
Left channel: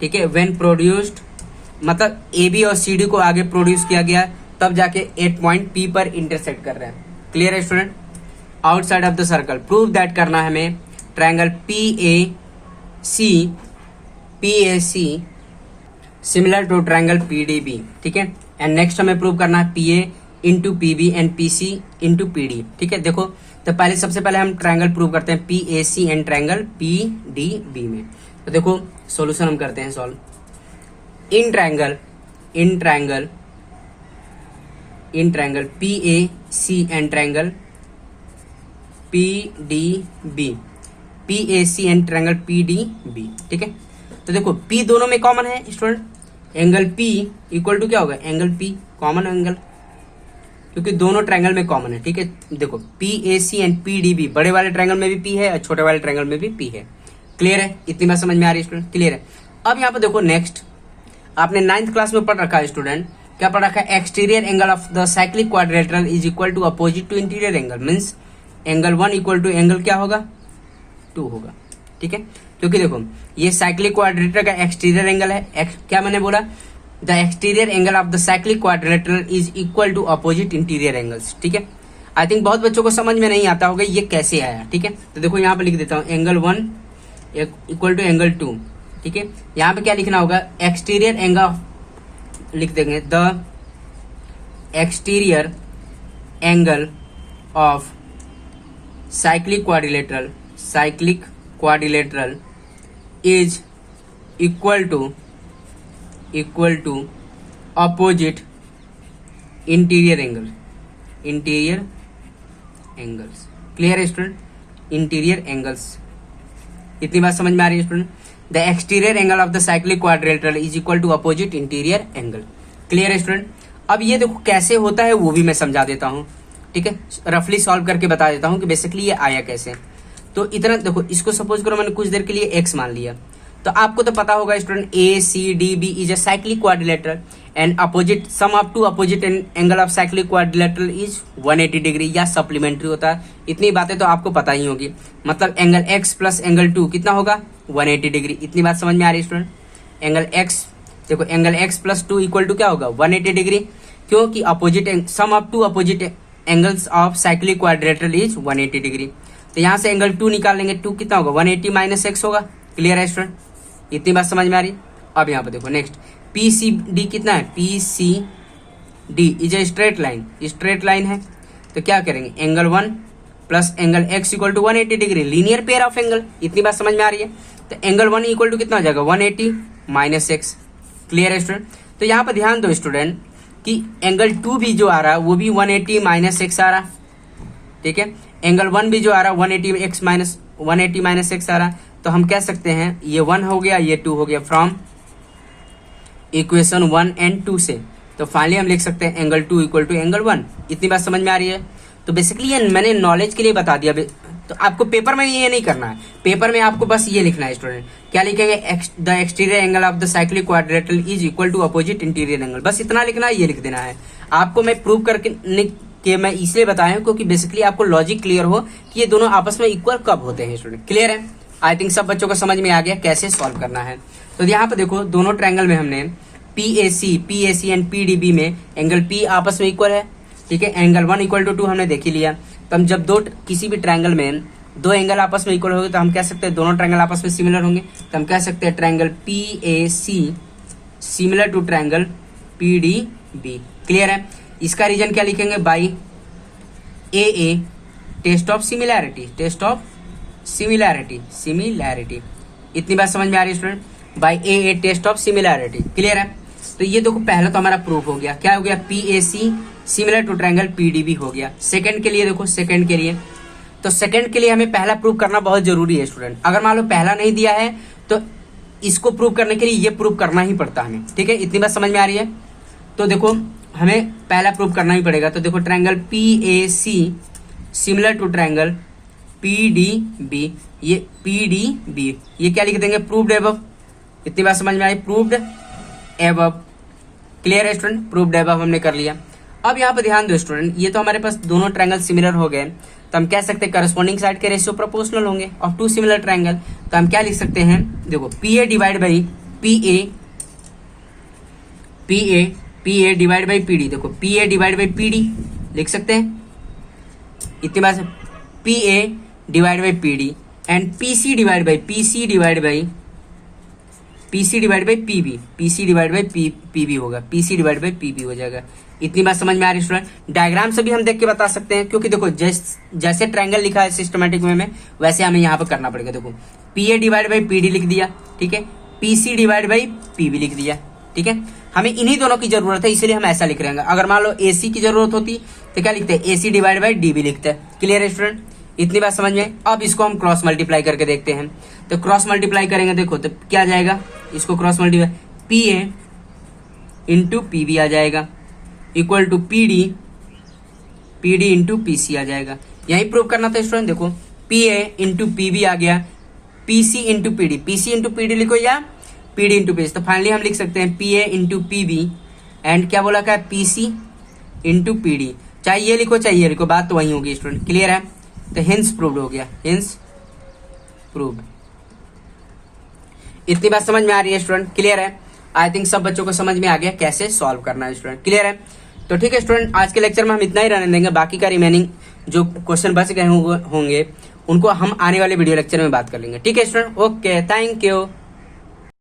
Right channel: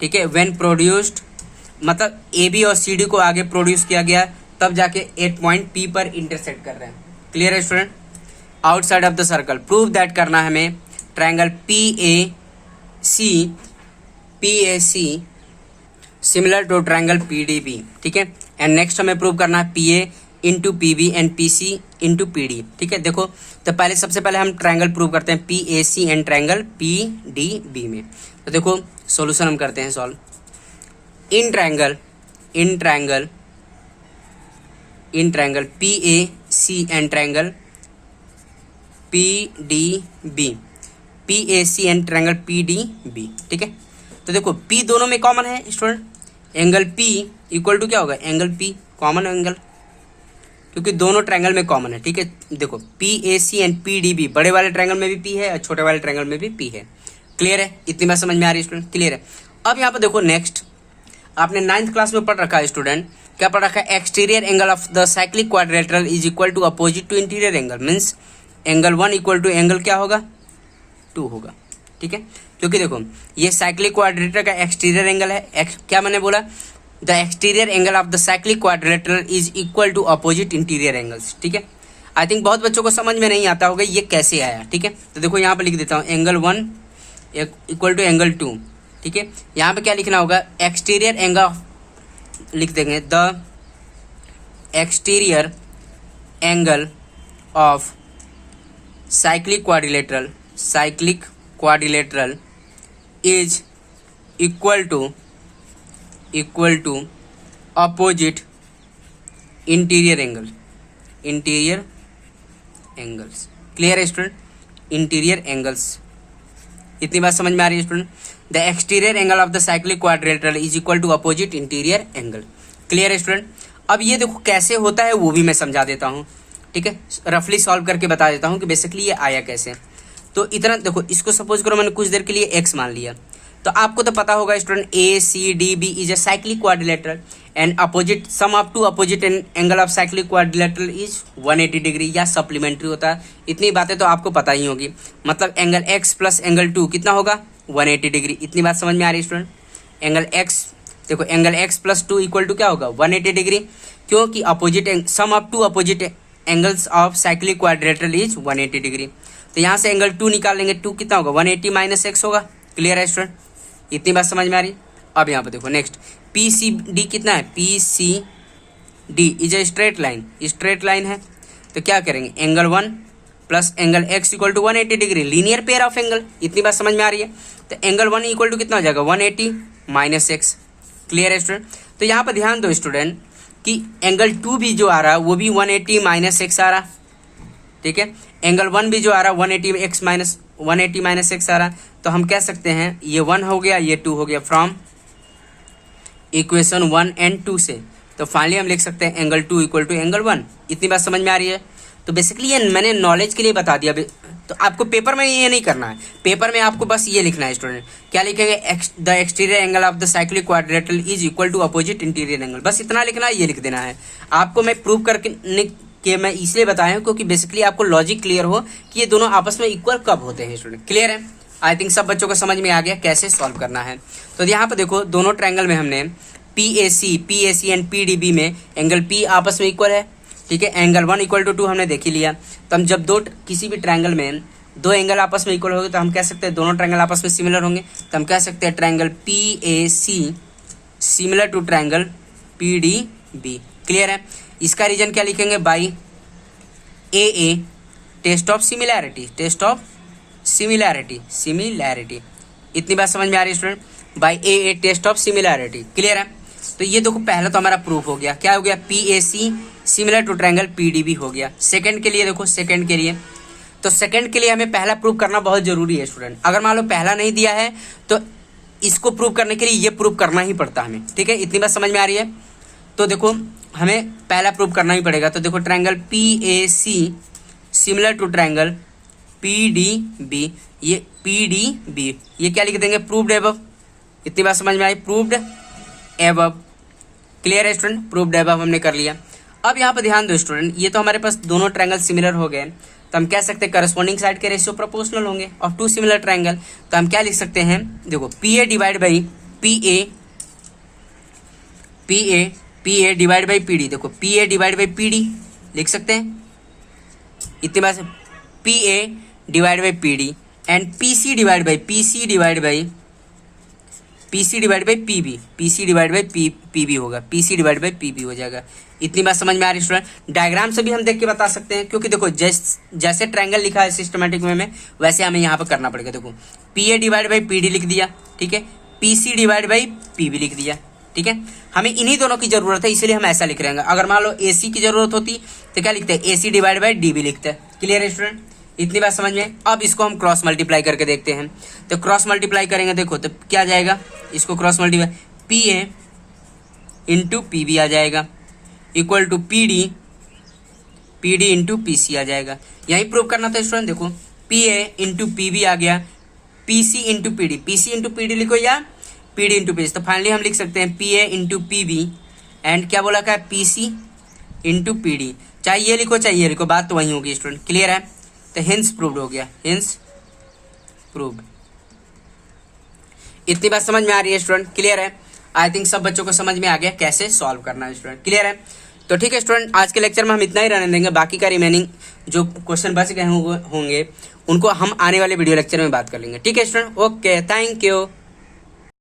ठीक है, व्हेन प्रोड्यूस्ड, मतलब AB और CD को आगे प्रोड्यूस किया गया तब जाके एक पॉइंट P पर इंटरसेक्ट कर रहे हैं, क्लियर है student. Outside of the circle. Prove that करना है हमें triangle P A C similar to triangle P D B, ठीक है। एंड नेक्स्ट हमें प्रूव करना है P A into P B and P C into P D, ठीक है। देखो तो पहले सबसे पहले हम ट्रायंगल प्रूव करते हैं P A C and triangle P D B में। तो देखो सॉल्यूशन हम करते हैं solve. In triangle P A C and triangle P D B, P A C and triangle P D B, ठीक है। तो देखो P दोनों में कॉमन है student, angle P equal to क्या होगा, एंगल P कॉमन एंगल, क्योंकि दोनों ट्रायंगल में कॉमन है, ठीक है। देखो PAC एंड PDB, बड़े वाले ट्रायंगल में भी P है और छोटे वाले ट्रायंगल में भी P है। क्लियर है, इतनी बात समझ में आ रही है स्टूडेंट, क्लियर है। अब यहाँ पे देखो नेक्स्ट, आपने 9th क्लास में पढ़ रखा है स्टूडेंट, क्या पढ़ रखा है, exterior angle of the cyclic quadrilateral is equal to opposite to interior angle, means angle 1 equal to angle क्या होगा, 2 होगा, ठीक है। क्योंकि देखो ये साइक्लिक क्वाड्रिलेटरल का एक्सटीरियर एंगल है, क्या मैंने बोला, the exterior angle of the cyclic quadrilateral is equal to opposite interior angles, ठीक है। आई थिंक बहुत बच्चों को समझ में नहीं आता होगा ये कैसे आया, ठीक है। तो देखो यहाँ पे लिख देता हूँ एंगल 1 इक्वल टू एंगल 2, ठीक है। यहाँ पे क्या लिखना होगा, एक्सटीरियर एंगल लिख देंगे, the exterior angle of cyclic quadrilateral is equal to opposite interior angles. Clear है स्टूडेंट, इंटीरियर एंगल्स, इतनी बात समझ में आ रही है student. The exterior angle of the cyclic quadrilateral is equal to opposite interior angle. Clear है student. अब ये देखो कैसे होता है वो भी मैं समझा देता हूँ, ठीक है, रफली सॉल्व करके बता देता हूँ कि बेसिकली ये आया कैसे। तो इतना देखो, इसको सपोज करो मैंने कुछ देर के लिए एक्स मान लिया, तो आपको तो पता होगा student A C D B is a cyclic quadrilateral and opposite sum of two opposite angle of cyclic quadrilateral is 180 degree या सप्लीमेंट्री होता है। इतनी बातें तो आपको पता ही होगी, मतलब एंगल एक्स प्लस एंगल 2 कितना होगा, 180 डिग्री। इतनी बात समझ में आ रही है स्टूडेंट। एंगल एक्स, देखो angle X plus 2 equal to क्या होगा, 180 डिग्री, क्योंकि opposite sum of two opposite angles of cyclic quadrilateral is 180 degree. तो यहाँ से एंगल 2 निकाल लेंगे, 2 कितना होगा, 180 माइनस एक्स होगा। क्लियर है स्टूडेंट, इतनी बात समझ में आ रही। अब यहाँ पे देखो नेक्स्ट, पी सी डी कितना है, P C D is a straight line है। तो क्या करेंगे, angle 1 plus angle X equal to 180 degree, linear pair of angle. इतनी बात समझ में आ रही है। तो एंगल 1 इक्वल टू कितना हो जाएगा, 180 माइनस एक्स। क्लियर है स्टूडेंट। तो यहाँ पर ध्यान दो स्टूडेंट कि एंगल 2 भी जो आ रहा है वो भी 180 माइनस एक्स आ रहा, ठीक है। एंगल 1 भी जो आ रहा है 180 माइनस एक्स आ रहा। तो हम कह सकते हैं ये 1 हो गया, ये 2 हो गया, फ्रॉम इक्वेशन 1 एंड 2 से। तो फाइनली हम लिख सकते हैं एंगल 2 इक्वल टू एंगल 1। इतनी बात समझ में आ रही है। तो बेसिकली ये मैंने नॉलेज के लिए बता दिया, तो आपको पेपर में ये नहीं करना है। पेपर में आपको बस ये लिखना है स्टूडेंट, क्या लिखेंगे, the exterior angle of the cyclic quadrilateral is equal to opposite interior angle, बस इतना लिखना है, ये लिख देना है। आपको मैं प्रूव करके कि मैं इसलिए बताया हूं क्योंकि बेसिकली आपको लॉजिक क्लियर हो कि ये दोनों आपस में इक्वल कब होते हैं स्टूडेंट। क्लियर है, आई थिंक सब बच्चों को समझ में आ गया कैसे सॉल्व करना है। तो यहाँ पे देखो दोनों ट्रायंगल में हमने PAC एंड PDB में एंगल P आपस में इक्वल है, ठीक है। एंगल 1 इक्वल टू 2 हमने देख ही लिया। तो हम जब किसी भी ट्रायंगल में दो एंगल आपस में इक्वल होंगे तो हम कह सकते हैं दोनों ट्रायंगल आपस में सिमिलर होंगे। तो हम कह सकते हैं triangle PAC similar to triangle PDB। Clear है। इसका रीजन क्या लिखेंगे, by AA test of similarity. इतनी बात समझ में आ रही है student, by AA test of similarity. Clear है। तो ये देखो पहला तो हमारा प्रूफ हो गया, क्या हो गया, PAC similar to triangle PDB हो गया। सेकंड के लिए देखो, सेकंड के लिए हमें पहला प्रूव करना बहुत जरूरी है स्टूडेंट। अगर मान लो पहला नहीं दिया है तो इसको प्रूव करने के लिए ये प्रूव करना ही पड़ता है हमें, ठीक है। इतनी बात समझ में आ रही है। तो देखो हमें पहला प्रूव करना ही पड़ेगा। तो देखो triangle PAC similar to triangle PDB, ये PDB ये क्या लिख देंगे, प्रूव्ड एबव। इतनी बात समझ में आई, प्रूव्ड एबव। क्लियर है स्टूडेंट, प्रूव्ड एबव हमने कर लिया। अब यहाँ पे ध्यान दो स्टूडेंट, ये तो हमारे पास दोनों ट्रायंगल सिमिलर हो गए, तो हम कह सकते हैं करस्पॉन्डिंग साइड के रेशियो प्रोपोर्शनल होंगे ऑफ टू सिमिलर ट्रायंगल। तो हम क्या लिख सकते हैं, देखो PA डिवाइड बाई PD, देखो PA डिवाइड बाई PD लिख सकते हैं। इतनी बात PA divide by PD and PC divide by PB होगा, PC डिवाइड बाई PB हो जाएगा। इतनी बात समझ में आ रही स्टूडेंट। डायग्राम से भी हम देख के बता सकते हैं, क्योंकि देखो जैसे ट्रायंगल लिखा है सिस्टमेटिक वे में, वैसे हमें यहाँ पे करना पड़ेगा। देखो PA डिवाइड बाई PD लिख दिया, ठीक है, PC डिवाइड बाई PB लिख दिया, ठीक है। हमें इन्हीं दोनों की जरूरत है, इसलिए हम ऐसा लिख रहे हैं। अगर मान लो AC की जरूरत होती तो क्या लिखते हैं, AC डिवाइड बाई DB लिखते हैं। क्लियर है स्टूडेंट, इतनी बात समझ में। अब इसको हम क्रॉस मल्टीप्लाई करके देखते हैं। तो क्रॉस मल्टीप्लाई करेंगे, देखो तो क्या जाएगा, इसको cross multiply PA into PB आ जाएगा equal to PD into PC आ जाएगा। यही प्रूव करना था स्टूडेंट। देखो PA इंटू PB आ गया, PC इंटू PD लिखो या PD इंटू PC। तो फाइनली हम लिख सकते हैं PA इंटू PB एंड क्या बोला, क्या PC इंटू PD। चाहे ये लिखो चाहे ये लिखो, बात तो वही होगी स्टूडेंट। क्लियर है, तो हिंस प्रूव्ड हो गया, हिंस प्रूव्ड। इतनी बात समझ में आ रही है स्टूडेंट। क्लियर है, आई थिंक सब बच्चों को समझ में आ गया कैसे सॉल्व करना है स्टूडेंट। क्लियर है, तो ठीक है स्टूडेंट, आज के लेक्चर में हम इतना ही रहने देंगे। बाकी का रिमेनिंग जो क्वेश्चन बच गए होंगे उनको हम आने वाले वीडियो लेक्चर में बात कर लेंगे। ठीक है स्टूडेंट, ओके, थैंक यू।